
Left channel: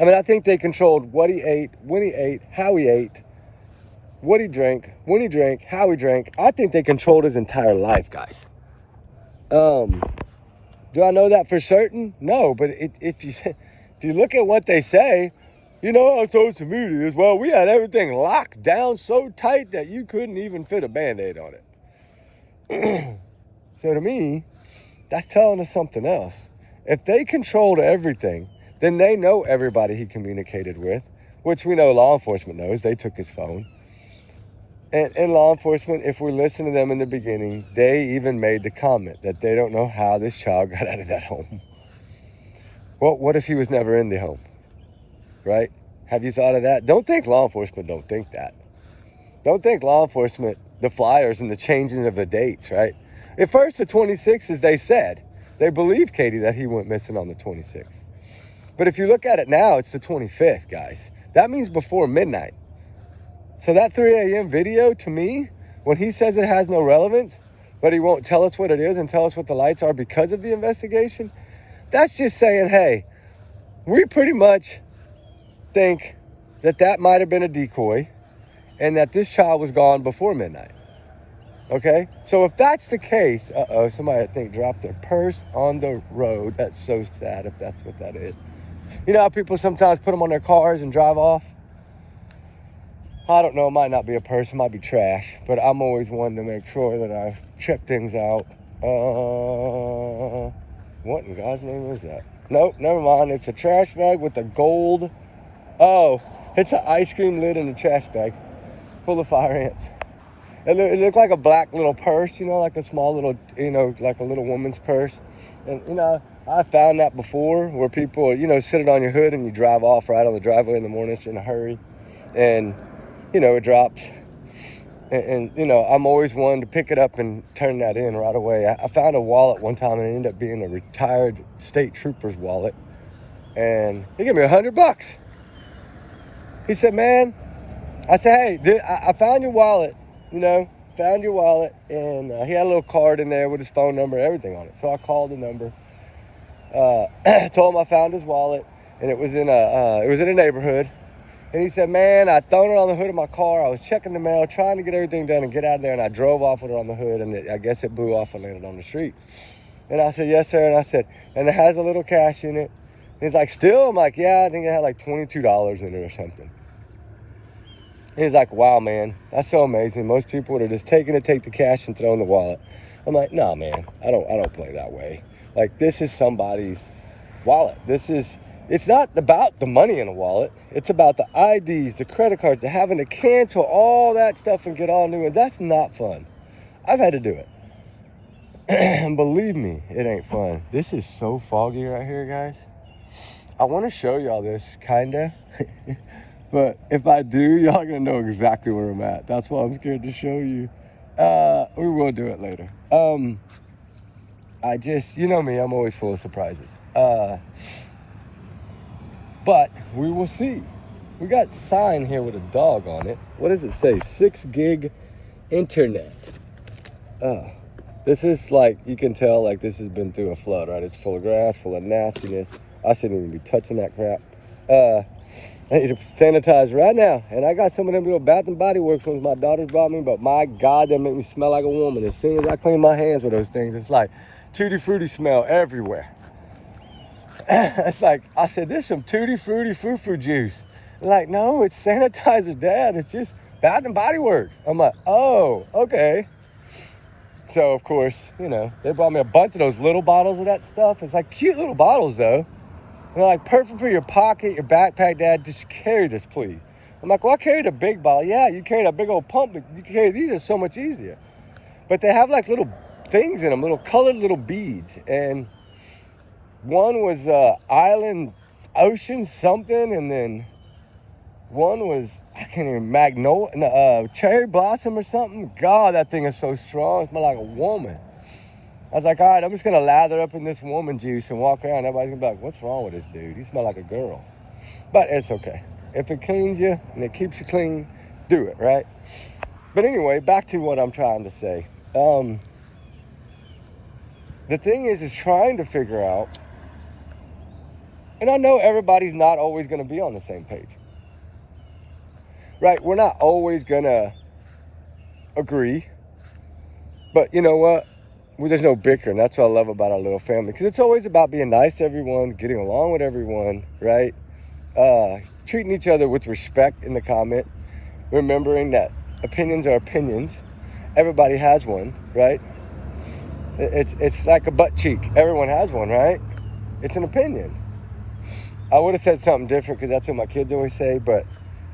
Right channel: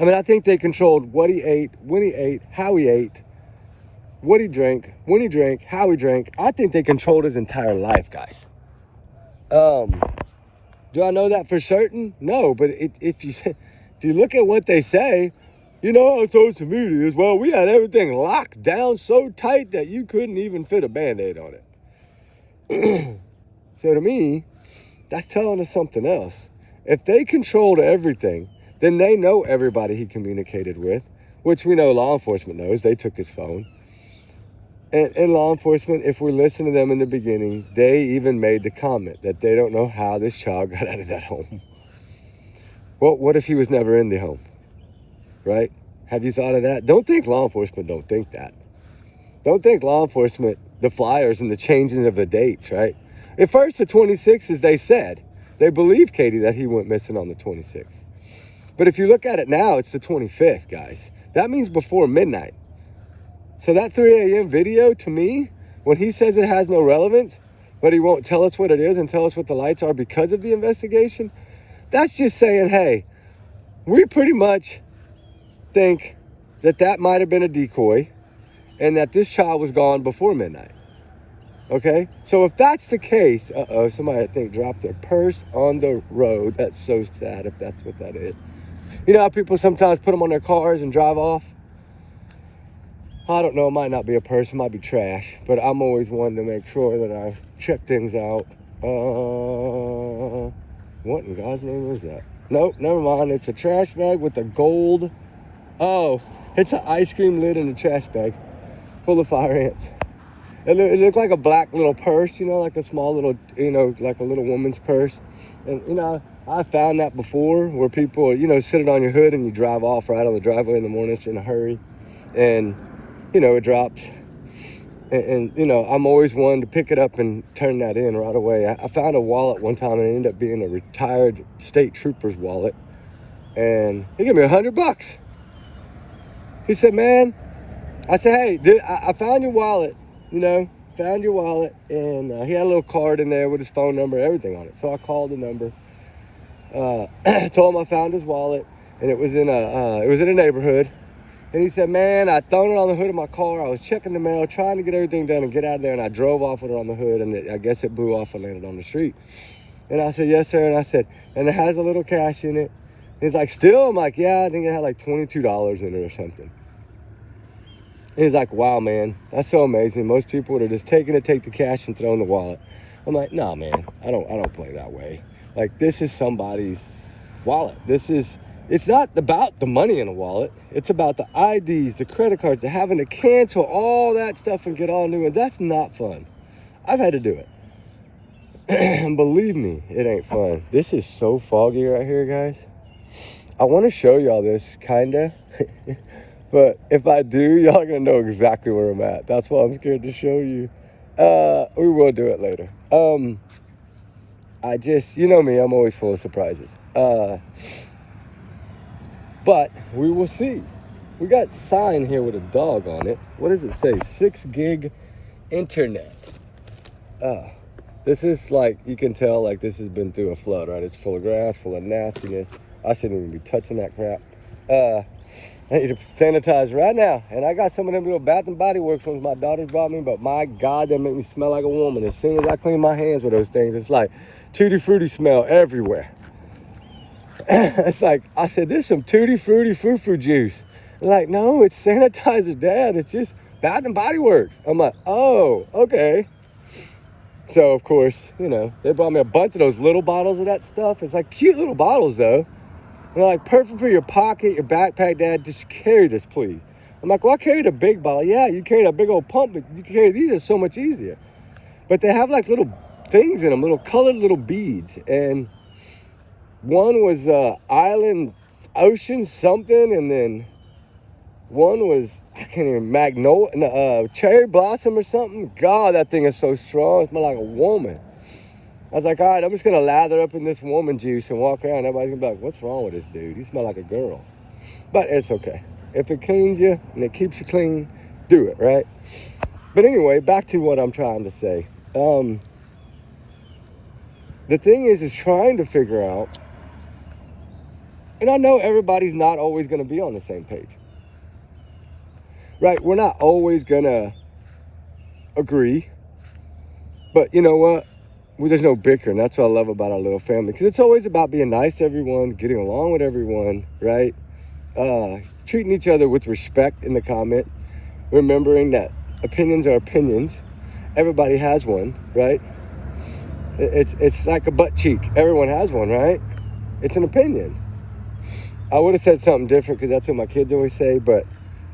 I mean, I think they controlled what he ate, when he ate, how he ate, what he drank, when he drank, how he drank. I think they controlled his entire life, guys. Do I know that for certain? No, but if you look at what they say, on social media is, well, we had everything locked down so tight that you couldn't even fit a Band-Aid on it. So to me, that's telling us something else. If they controlled everything, then they know everybody he communicated with, which we know law enforcement knows. They took his phone. And law enforcement, if we listen to them in the beginning, they even made the comment that they don't know how this child got out of that home. Well, what if he was never in the home? Right? Have you thought of that? Don't think law enforcement don't think that. Don't think law enforcement, the flyers and the changing of the dates, right? At first, the 26th, they said, they believed Katie that he went missing on the 26th. But if you look at it now, it's the 25th, guys. That means before midnight. So that 3 a.m. video, to me, when he says it has no relevance, but he won't tell us what it is and tell us what the lights are because of the investigation, that's just saying, hey, we pretty much think that might have been a decoy and that this child was gone before midnight. Okay? So if that's the case, somebody I think dropped their purse on the road. That's so sad if that's what that is. You know how people sometimes put them on their cars and drive off? I don't know, it might not be a purse, it might be trash, but I'm always wanting to make sure that I check things out. What in God's name is that? Nope, never mind, it's a trash bag with a gold, oh, it's an ice cream lid in a trash bag. full of fire ants. It looked like a black little purse, you know, like a small little, you know, like a little woman's purse. And, you know, I found that before where people, you know, sit it on your hood and you drive off right on the driveway in the morning if you're in a hurry. And, you know, it drops. And you know, I'm always one to pick it up and turn that in right away. I found a wallet one time and it ended up being a retired state trooper's wallet. And he gave me $100. He said, man, I said, hey, dude, I found your wallet, you know, found your wallet. And he had a little card in there with his phone number and everything on it. So I called the number, told him I found his wallet, and it was in a neighborhood. And he said, man, I thrown it on the hood of my car. I was checking the mail, trying to get everything done and get out of there, and I drove off with it on the hood, and I guess it blew off and landed on the street. And I said, yes, sir. And I said, and it has a little cash in it. And he's like, still? I'm like, yeah, I think it had like $22 in it or something. And he's like, wow, man, that's so amazing. Most people would have just take the cash and throw in the wallet. I'm like, no, man, I don't play that way. Like, this is somebody's wallet. It's not about the money in the wallet. It's about the IDs, the credit cards, the having to cancel all that stuff and get all new. And that's not fun. I've had to do it. And believe me, it ain't fun. This is so foggy right here, guys. I want to show y'all this, kind of. But if I do, y'all going to know exactly where I'm at. That's why I'm scared to show you. We will do it later. You know me, I'm always full of surprises. But we will see. We got a sign here with a dog on it. What does it say? 6 gig internet. This is like, you can tell like this has been through a flood, right? It's full of grass, full of nastiness. I shouldn't even be touching that crap. I need to sanitize right now. And I got some of them little Bath and Body Works ones my daughters bought me, but my God, they make me smell like a woman. As soon as I clean my hands with those things, it's like tutti frutti smell everywhere. It's like, I said, this is some tutti frutti foo-foo juice. I'm like, no, it's sanitizer, Dad. It's just Bath and Body Works. I'm like, oh, okay. So, of course, you know, they brought me a bunch of those little bottles of that stuff. It's like cute little bottles, though. They're like perfect for your pocket, your backpack, Dad. Just carry this, please. I'm like, well, I carried a big bottle. Yeah, you carried a big old pump, but you carry these are so much easier. But they have like little things in them, little colored little beads. And one was island, ocean, something, and then one was, I can't even, magnolia, cherry blossom or something. God, that thing is so strong. It smells like a woman. I was like, all right, I'm just going to lather up in this woman juice and walk around. Everybody's going to be like, what's wrong with this dude? He smells like a girl. But it's okay. If it cleans you and it keeps you clean, do it, right? But anyway, back to what I'm trying to say. The thing is trying to figure out, and I know everybody's not always going to be on the same page. Right? We're not always going to agree. But you know what? There's no bickering. That's what I love about our little family. Because it's always about being nice to everyone, getting along with everyone, right? Treating each other with respect in the comment. Remembering that opinions are opinions. Everybody has one, right? It's like a butt cheek. Everyone has one, right? It's an opinion. I would have said something different because that's what my kids always say, but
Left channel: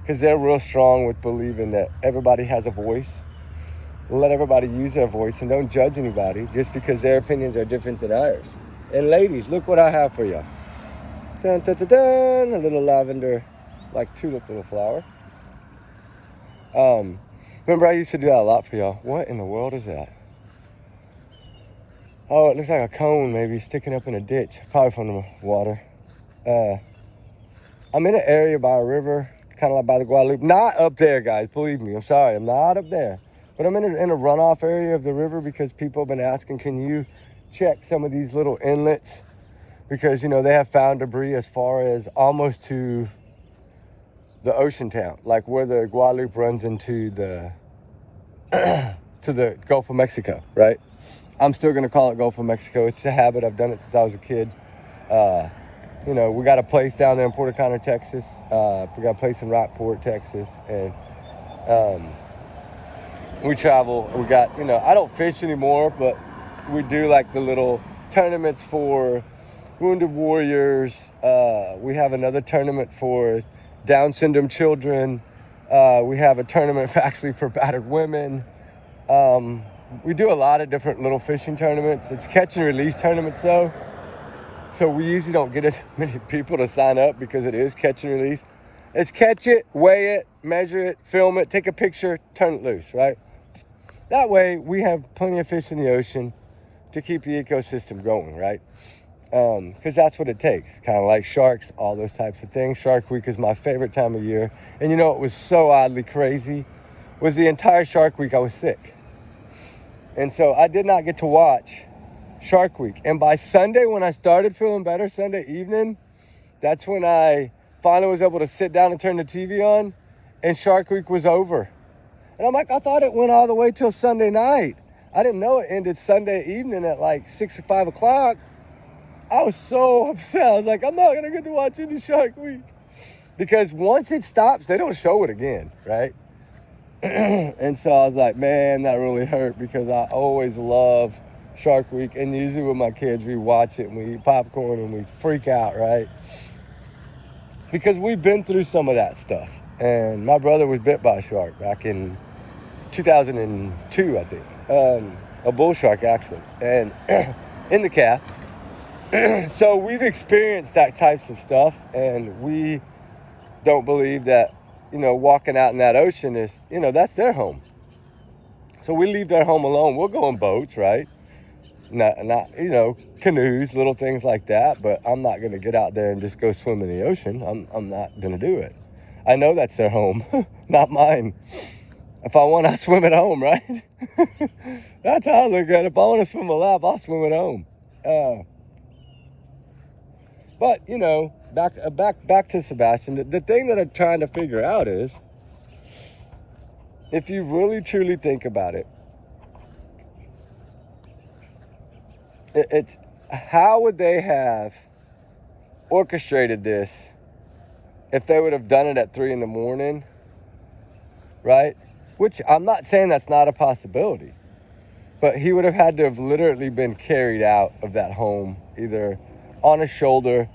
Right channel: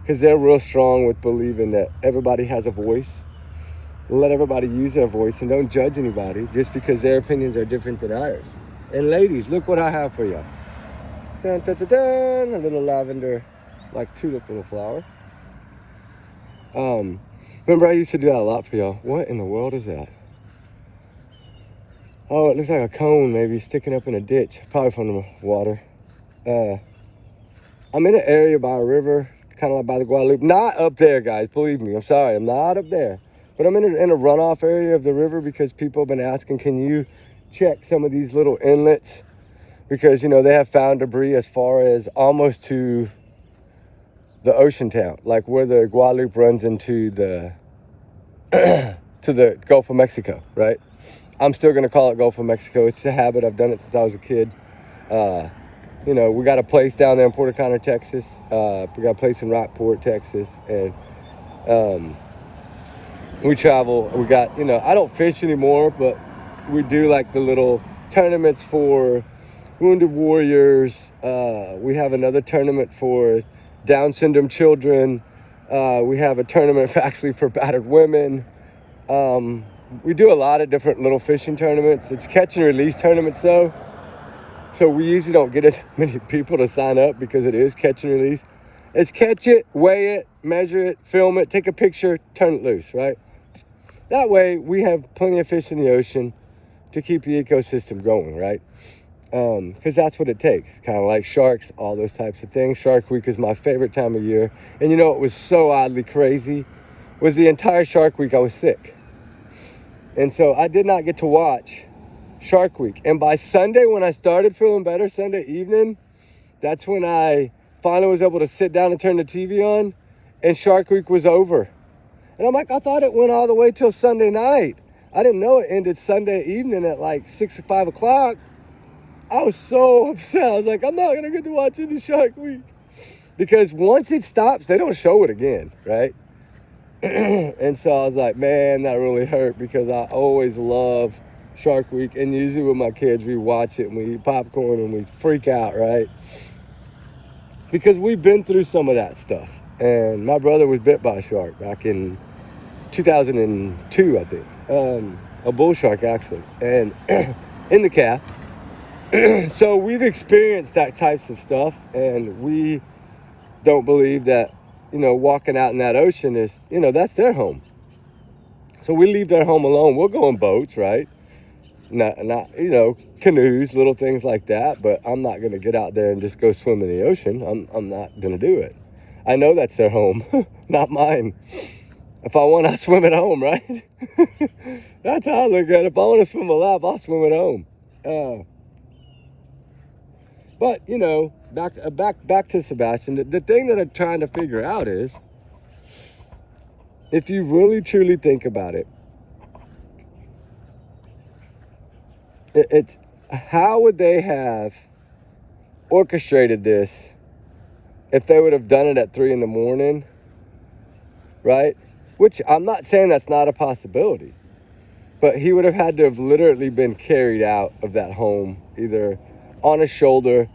because they're real strong with believing that everybody has a voice. Let everybody use their voice and don't judge anybody just because their opinions are different than ours. And ladies, look what I have for you. Dun, dun, dun, dun, a little lavender, like tulip in a flower. Remember I used to do that a lot for y'all. What in the world is that? Oh, it looks like a cone maybe sticking up in a ditch, probably from the water. I'm in an area by a river, kind of like by the Guadalupe. Not up there, guys, believe me. I'm sorry, I'm not up there. But I'm in a runoff area of the river because people have been asking, can you check some of these little inlets? Because, you know, they have found debris as far as almost to the ocean town, like where the Guadalupe runs into the to the Gulf of Mexico, right? I'm still going to call it Gulf of Mexico. It's a habit. I've done it since I was a kid. You know, we got a place down there in Puerto Conner, Texas. We got a place in Rockport, Texas. And we travel. We got, you know, I don't fish anymore, but we do like the little tournaments for wounded warriors. We have another tournament for Down syndrome children. We have a tournament actually for battered women. We do a lot of different little fishing tournaments. It's catch and release tournaments though. So we usually don't get as many people to sign up because it is catch and release. It's catch it, weigh it, measure it, film it, take a picture, turn it loose, right? That way we have plenty of fish in the ocean to keep the ecosystem going, right? Because that's what it takes, kind of like sharks, all those types of things. Shark Week is my favorite time of year. And you know what was so oddly crazy was the entire Shark Week I was sick. And so I did not get to watch Shark Week. And by Sunday, when I started feeling better, Sunday evening, that's when I finally was able to sit down and turn the TV on, and Shark Week was over. And I'm like, I thought it went all the way till Sunday night. I didn't know it ended Sunday evening at like 6 or 5 o'clock. I was so upset. I was like, I'm not gonna get to watch any Shark Week. Because once it stops, they don't show it again, right? And so I was like, man, that really hurt, because I always love Shark Week. And usually with my kids, we watch it and we eat popcorn and we freak out, right? Because we've been through some of that stuff. And my brother was bit by a shark back in 2002, I think. A bull shark, actually. And in the calf. So we've experienced that types of stuff, and we don't believe that, you know, walking out in that ocean is, you know, that's their home. So we leave their home alone. We'll go on boats, right? Not you know, canoes, little things like that, but I'm not going to get out there and just go swim in the ocean. I'm not going to do it. I know that's their home, not mine. If I want, I swim at home, right? That's how I look at it. If I want to swim a lap, I'll swim at home. But, you know, back to Sebastian. The thing that I'm trying to figure out is, if you really truly think about it, it's how would they have orchestrated this if they would have done it at 3 in the morning, right? Which I'm not saying that's not a possibility, but he would have had to have literally been carried out of that home, either on his shoulder,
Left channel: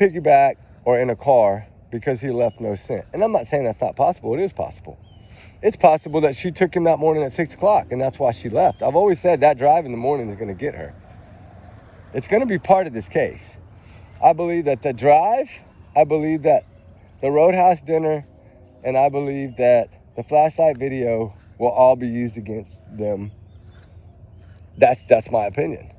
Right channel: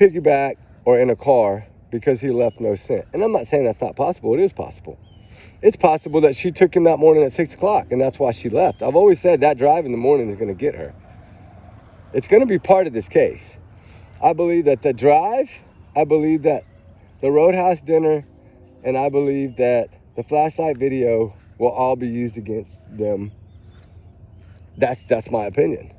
piggyback, or in a car, because he left no scent. And I'm not saying that's not possible. It is possible. It's possible that she took him that morning at 6 o'clock, and that's why she left. I've always said that drive in the morning is going to get her. It's going to be part of this case. I believe that the drive, I believe that the Roadhouse dinner, and I believe that the flashlight video will all be used against them. That's my opinion.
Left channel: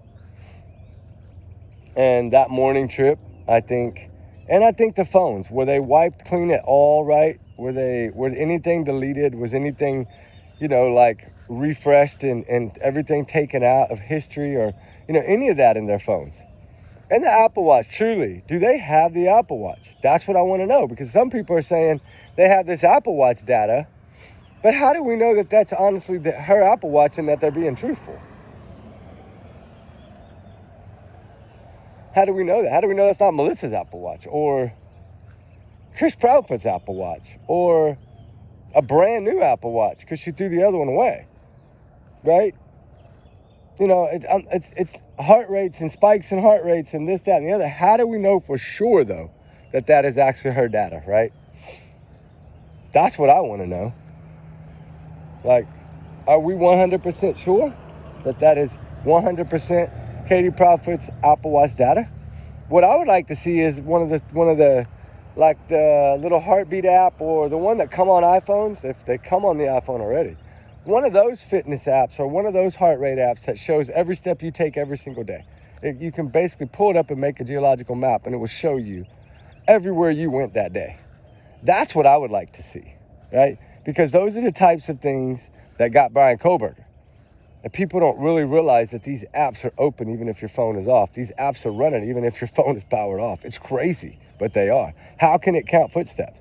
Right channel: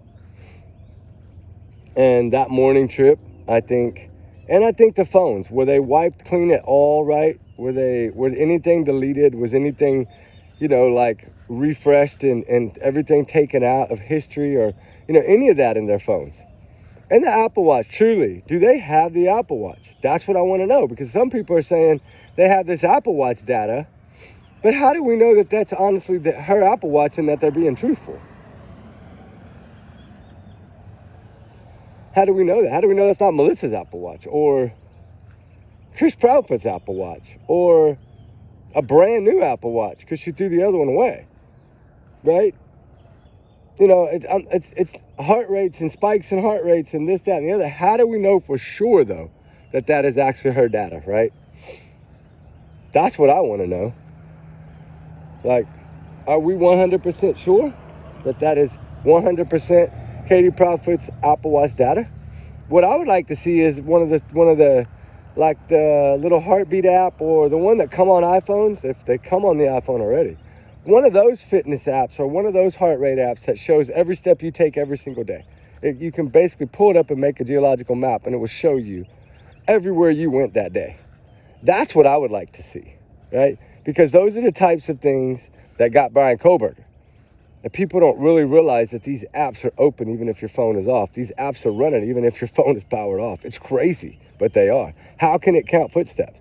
And that morning trip, I think the phones, were they wiped clean it all right? Was anything deleted? Was anything, you know, like refreshed and everything taken out of history, or, you know, any of that in their phones? And the Apple Watch, truly, do they have the Apple Watch? That's what I want to know, because some people are saying they have this Apple Watch data, but how do we know that that's honestly her Apple Watch and that they're being truthful? How do we know that? How do we know that's not Melissa's Apple Watch, or Chris Proudfoot's Apple Watch, or a brand new Apple Watch because she threw the other one away, right? You know, it's heart rates and spikes in heart rates and this, that, and the other. How do we know for sure, though, that that is actually her data, right? That's what I want to know. Like, are we 100% sure that that is 100% Katie Proudfoot's Apple Watch data? What I would like to see is one of the like the little heartbeat app, or the one that come on iPhones, if they come on the iPhone already. One of those fitness apps, or one of those heart rate apps that shows every step you take every single day. You can basically pull it up and make a geological map, and it will show you everywhere you went that day. That's what I would like to see, right? Because those are the types of things that got Brian Kohlberger. And people don't really realize that these apps are open even if your phone is off. These apps are running even if your phone is powered off. It's crazy, but they are. How can it count footsteps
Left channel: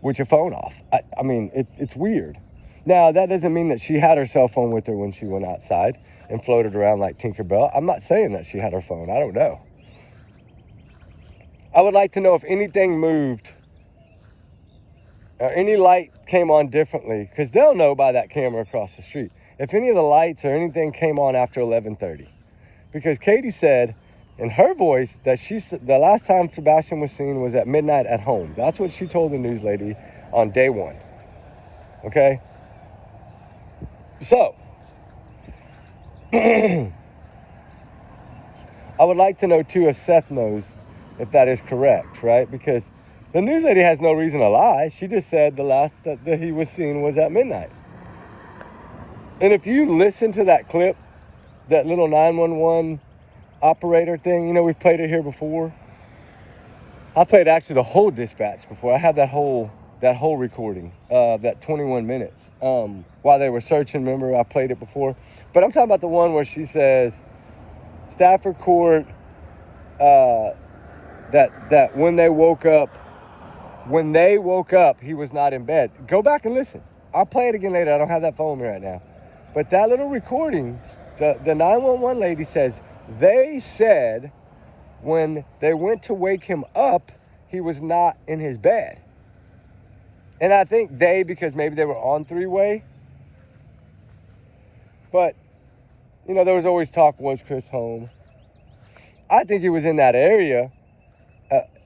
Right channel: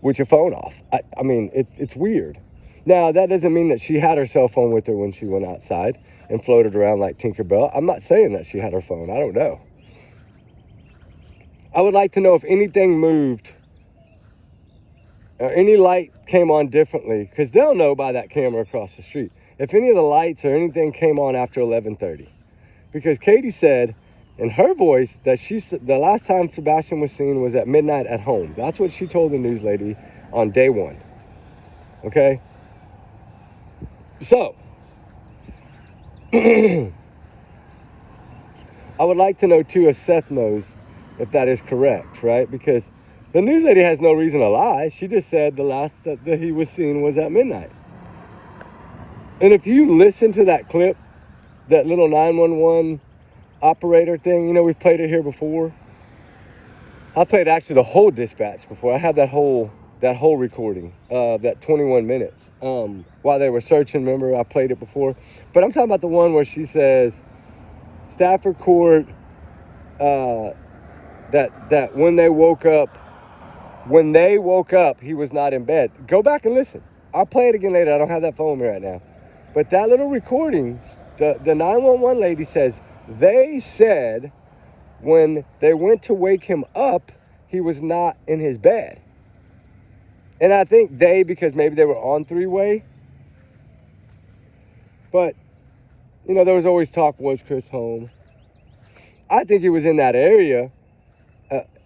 with your phone off? I mean, it's weird. Now, that doesn't mean that she had her cell phone with her when she went outside and floated around like Tinkerbell. I'm not saying that she had her phone. I don't know. I would like to know if anything moved, or any light came on differently, because they'll know by that camera across the street if any of the lights or anything came on after 11:30. Because Katie said in her voice that the last time Sebastian was seen was at midnight at home. That's what she told the news lady on day one. okay? So, I would like to know too if Seth knows if that is correct, right? Because the news lady has no reason to lie. She just said the last that he was seen was at midnight. And if you listen to that clip, that little 911 operator thing, you know, we've played it here before. I played actually the whole dispatch before. I have that whole recording, that 21 minutes. While they were searching, remember I played it before. But I'm talking about the one where she says, Stafford Court, that when they woke up, he was not in bed. Go back and listen. I'll play it again later. I don't have that phone right now. But that little recording, the 911 lady says, they said when they went to wake him up, he was not in his bed. And I think because maybe they were on three-way. But, you know, there was always talk, was Chris home? I think he was in that area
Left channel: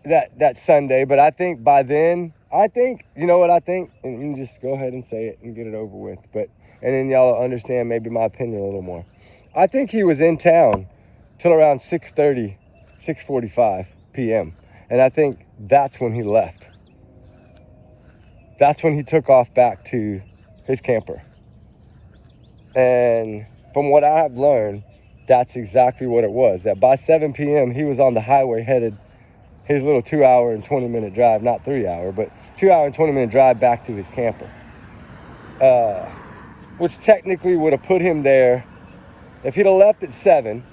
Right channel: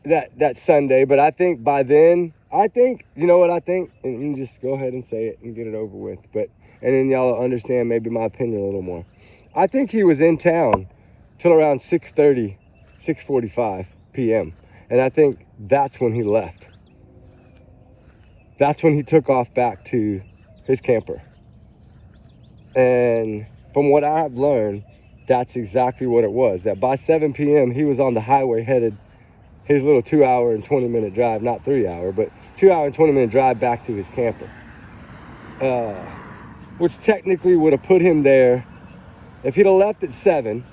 that Sunday. But I think by then, you know what I think? And you can just go ahead and say it and get it over with. And then y'all will understand maybe my opinion a little more. I think he was in town till around 6:30, 6:45 p.m. And I think that's when he left. That's when he took off back to his camper. And from what I've learned, that's exactly what it was. That by 7 p.m., he was on the highway headed his little 2-hour and 20-minute drive, not 3-hour, but 2-hour and 20-minute drive back to his camper. Which technically would have put him there. If he'd have left at 7,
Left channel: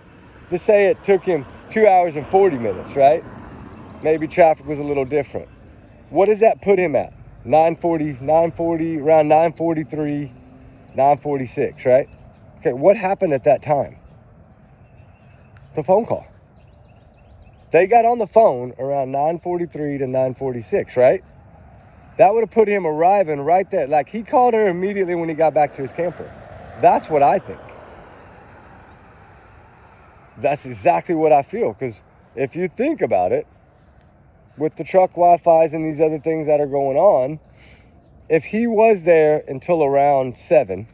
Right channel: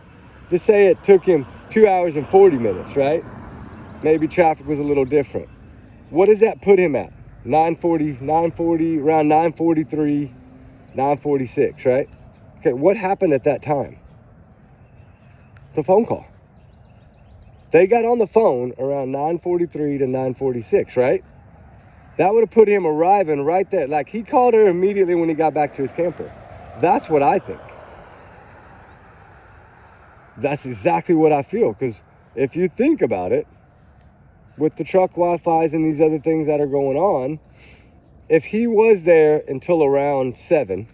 just say it took him 2 hours and 40 minutes, right? Maybe traffic was a little different. What does that put him at? 9:40, around 9:43, 9:46, right? Okay, what happened at that time? The phone call. They got on the phone around 9:43 to 9:46, right? That would have put him arriving right there. Like, he called her immediately when he got back to his camper. That's what I think. That's exactly what I feel. Because if you think about it, with the truck Wi-Fi's and these other things that are going on, if he was there until around 7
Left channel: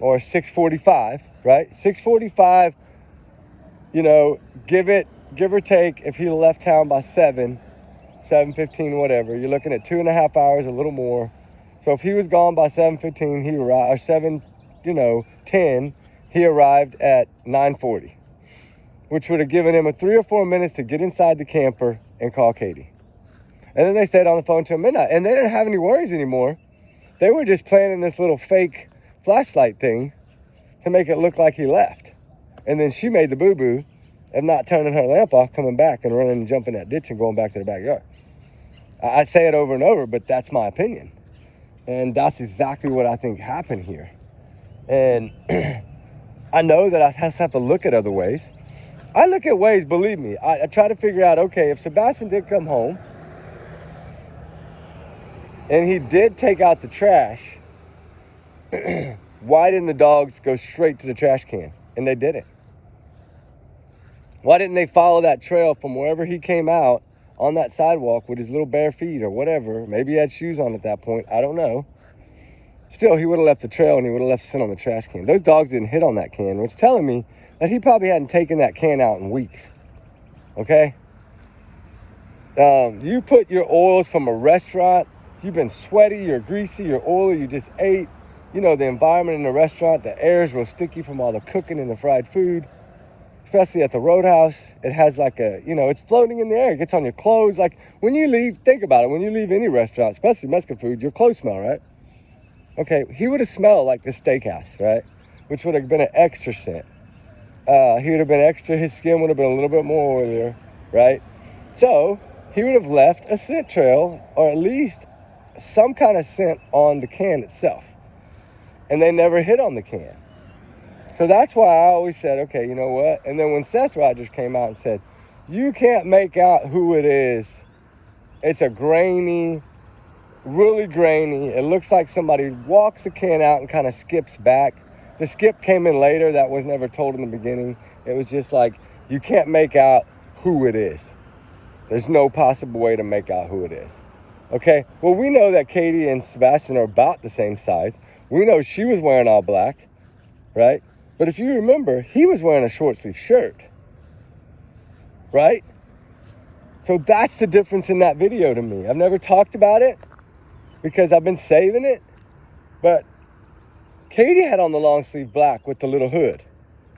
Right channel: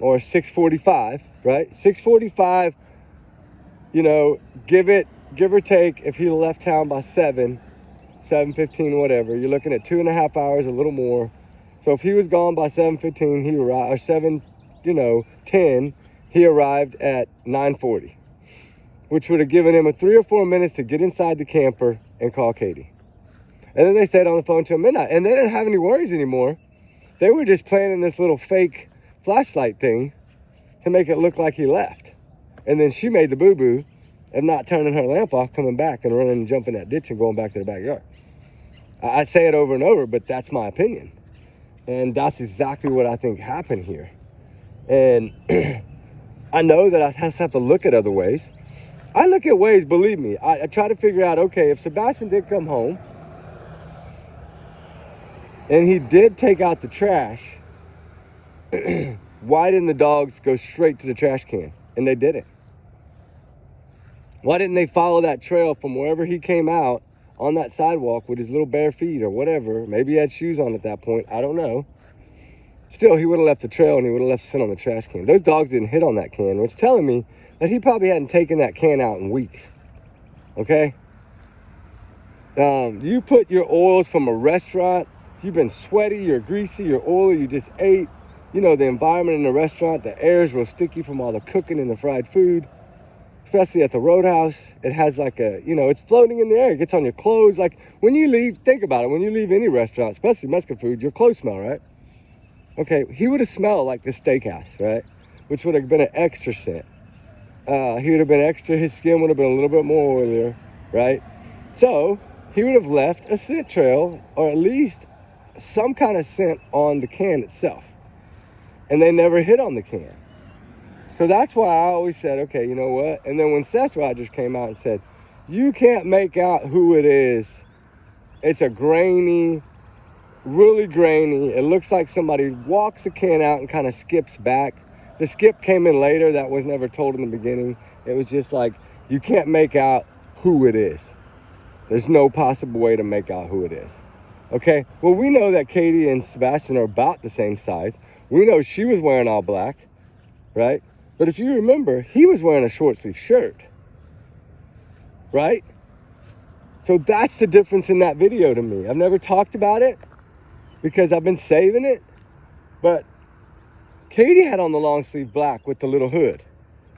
or 6:45, right? 6:45, you know, give or take, if he left town by 7:15, whatever, you're looking at 2.5 hours, a little more. So if he was gone by 7:15, he arrived, or 7:10, he arrived at 9:40, which would have given him 3 or 4 minutes to get inside the camper and call Katie. And then they stayed on the phone till midnight, and they didn't have any worries anymore. They were just planning this little fake flashlight thing to make it look like he left. And then she made the boo-boo of not turning her lamp off, coming back and running and jumping that ditch and going back to the backyard. I say it over and over, but that's my opinion. And that's exactly what I think happened here. And I know that I just have to look at other ways. I look at ways, believe me. I try to figure out, okay, if Sebastian did come home and he did take out the trash, why didn't the dogs go straight to the trash can? And they didn't. Why didn't they follow that trail from wherever he came out on that sidewalk with his little bare feet or whatever? Maybe he had shoes on at that point. I don't know. Still, he would have left the trail and he would have left scent on the trash can. Those dogs didn't hit on that can, which is telling me that he probably hadn't taken that can out in weeks. Okay? You put your oils from a restaurant, you've been sweaty, you're greasy, you're oily, you just ate. You know, the environment in the restaurant, the air is real sticky from all the cooking and the fried food. Especially at the Roadhouse, it has like it's floating in the air. It gets on your clothes. Like, when you leave, think about it. When you leave any restaurant, especially Mexican food, your clothes smell, right? Okay, he would have smelled like the steakhouse, right? Which would have been an extra scent. He would have been extra, his skin would have been a little bit more oilier, right? So, he would have left a scent trail, or at least some kind of scent on the can itself. And they never hit on the can. So that's why I always said, okay, you know what? And then when Seth Rogers came out and said, you can't make out who it is. It's a grainy, really grainy. It looks like somebody walks the can out and kind of skips back. The skip came in later. That was never told in the beginning. It was just like, you can't make out who it is. There's no possible way to make out who it is. Okay, well, we know that Katie and Sebastian are about the same size. We know she was wearing all black, right? But if you remember, he was wearing a short sleeve shirt, right? So that's the difference in that video to me. I've never talked about it because I've been saving it, but Katie had on the long sleeve black with the little hood,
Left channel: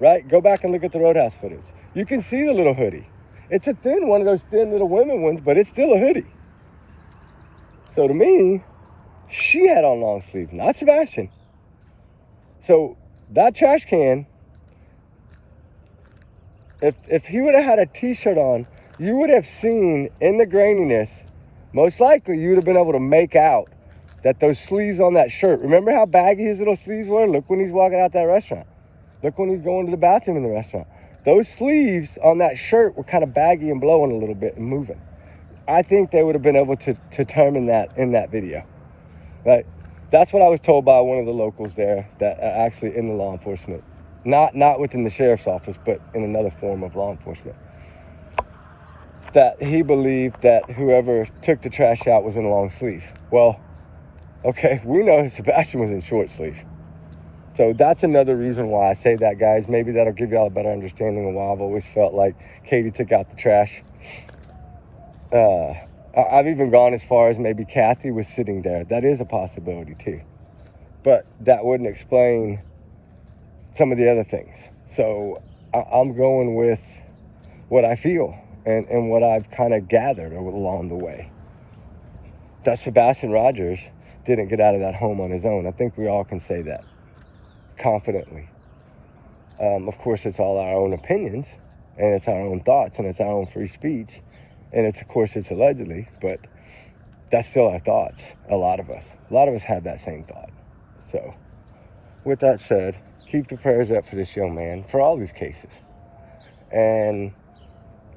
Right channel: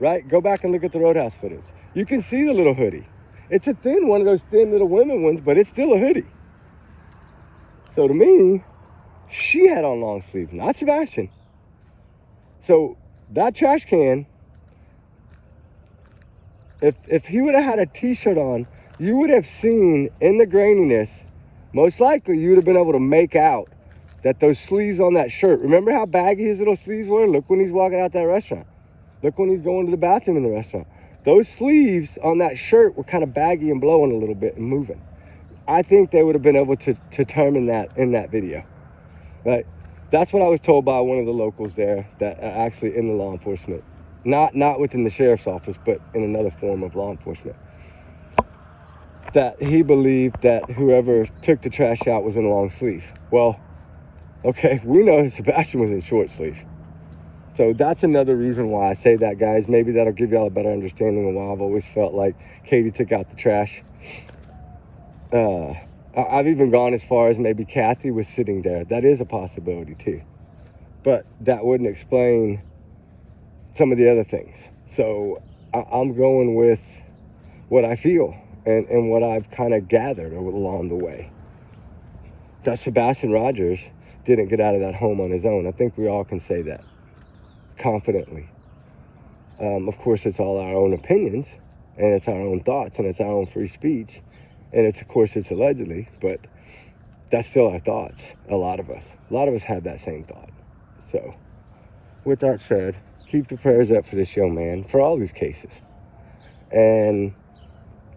right? Go back and look at the Roadhouse footage. You can see the little hoodie. It's a thin one of those thin little women ones, but it's still a hoodie. So to me, she had on long sleeve, not Sebastian. So that trash can, if he would have had a t-shirt on, you would have seen in the graininess, most likely you would have been able to make out that those sleeves on that shirt. Remember how baggy his little sleeves were? Look when he's walking out that restaurant. Look when he's going to the bathroom in the restaurant. Those sleeves on that shirt were kind of baggy and blowing a little bit and moving. I think they would have been able to determine that in that video, right? That's what I was told by one of the locals there that are actually in the law enforcement. Not within the sheriff's office, but in another form of law enforcement. That he believed that whoever took the trash out was in a long sleeve. Well, okay, we know Sebastian was in short sleeve. So that's another reason why I say that, guys. Maybe that'll give y'all a better understanding of why I've always felt like Katie took out the trash. I've even gone as far as maybe Kathy was sitting there. That is a possibility too. But that wouldn't explain some of the other things. So I'm going with what I feel and what I've kind of gathered along the way. That Sebastian Rogers didn't get out of that home on his own. I think we all can say that confidently. Of course, it's all our own opinions, and it's our own thoughts, and it's our own free speech, and it's, of course, it's allegedly, but that's still our thoughts. A lot of us had that same thought. So with that said, keep the prayers up for this young man, for all these cases, and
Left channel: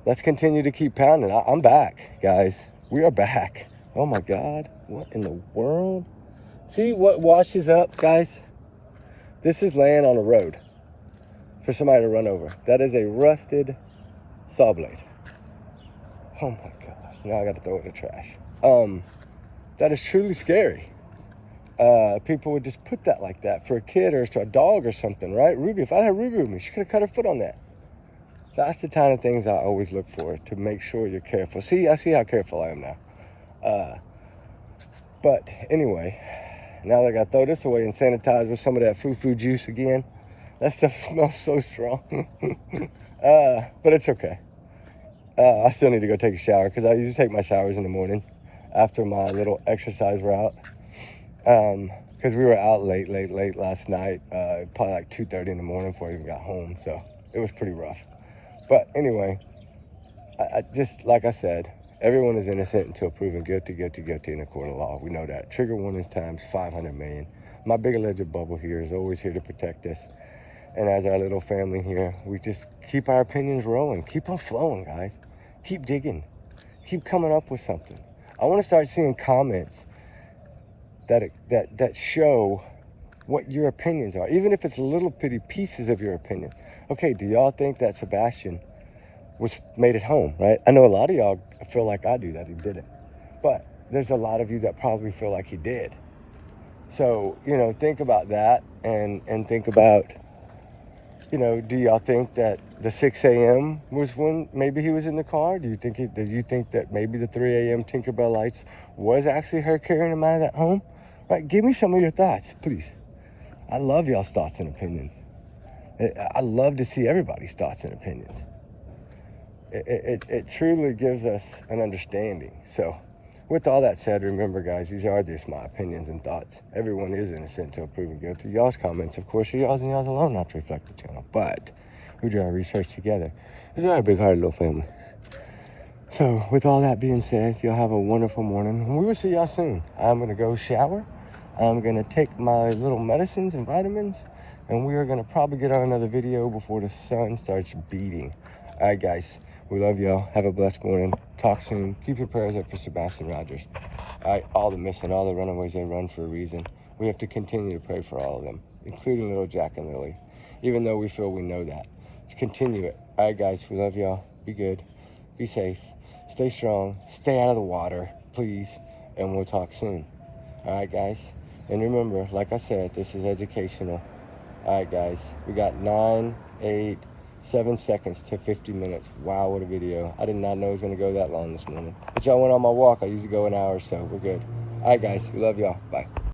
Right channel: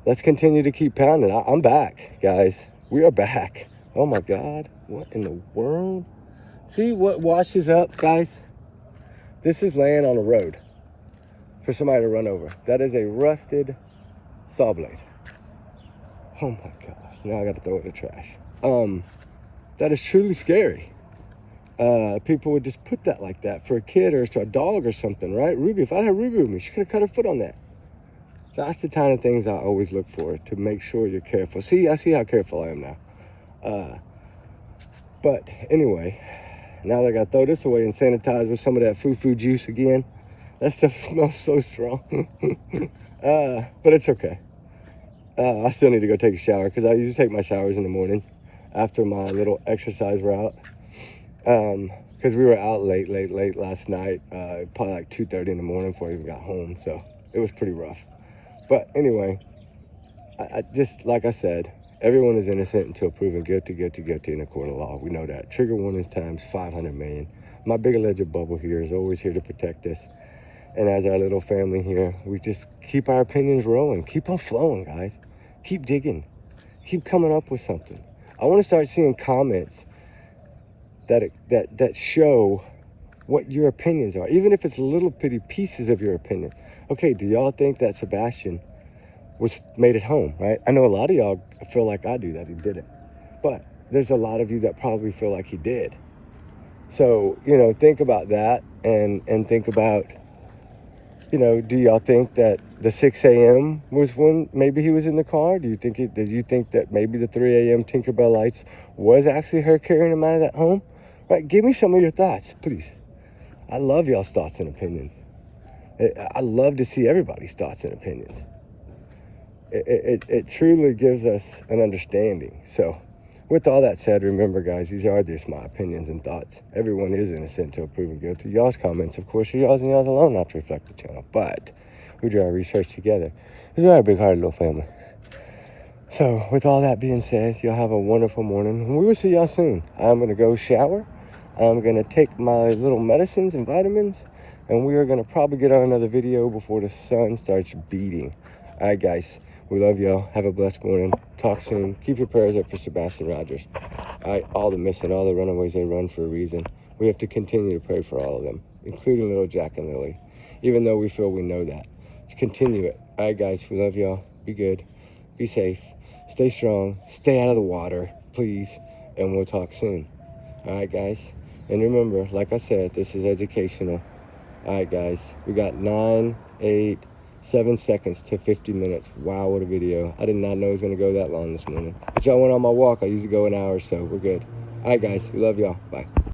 let's continue to keep pounding. I'm back, guys. We are back. Oh my God, what in the world? See what washes up, guys? This is laying on a road for somebody to run over. That is a rusted saw blade. Oh my gosh, now I got to throw it in the trash. That is truly scary. People would just put that like that for a kid or a dog or something, right? Ruby, if I had Ruby with me, she could have cut her foot on that. That's the kind of things I always look for to make sure you're careful. See, I see how careful I am now. But anyway, now that I got to throw this away and sanitize with some of that foo-foo juice again. That stuff smells so strong. But it's okay. I still need to go take a shower because I usually take my showers in the morning after my little exercise route. Because we were out late last night, probably like 2:30 in the morning before I even got home. So it was pretty rough. But anyway, I just, like I said, everyone is innocent until proven guilty in a court of law. We know that. Trigger warnings times 500 million. My big alleged bubble here is always here to protect us. And as our little family here, we just keep our opinions rolling. Keep on flowing, guys. Keep digging. Keep coming up with something. I want to start seeing comments that show what your opinions are, even if it's little bitty pieces of your opinion. Okay, do y'all think that Sebastian made it home, right? I know a lot of y'all feel like I do, that he didn't. But there's a lot of you that probably feel like he did. So, think about that and think about, do y'all think that the 6 a.m. was when maybe he was in the car? Do you think that maybe the 3 a.m. Tinkerbell lights was actually her carrying him out of that home? Right, give me some of your thoughts, please. I love y'all's thoughts and opinions. I love to see everybody's thoughts and opinions. It truly gives us an understanding. So with all that said, remember, guys, these are just my opinions and thoughts. Everyone is innocent until proven guilty. Y'all's comments, of course, are y'all's and y'all's alone, not to reflect the channel. But we do our research together. This is our big-hearted little family. So with all that being said, y'all have a wonderful morning. And we will see y'all soon. I'm going to go shower. I'm going to take my little medicines and vitamins. And we are going to probably get on another video before the sun starts beating. All right, guys. We love y'all. Have a blessed morning. Talk soon. Keep your prayers up for Sebastian Rogers. All the missing, all the runaways, they run for a reason. We have to continue to pray for all of them, including little Jack and Lily, even though we feel we know that. Let's continue it. All right, guys. We love y'all. Be good. Be safe. Stay strong. Stay out of the water, please. and we'll talk soon. All right, guys. And remember, like I said, this is educational. All right, guys. We got 9, 8, 7 seconds to 50 minutes. Wow, what a video. I did not know it was going to go that long this morning. But y'all went on my walk. I usually go an hour or so. We're good. All right, guys. We love y'all. Bye.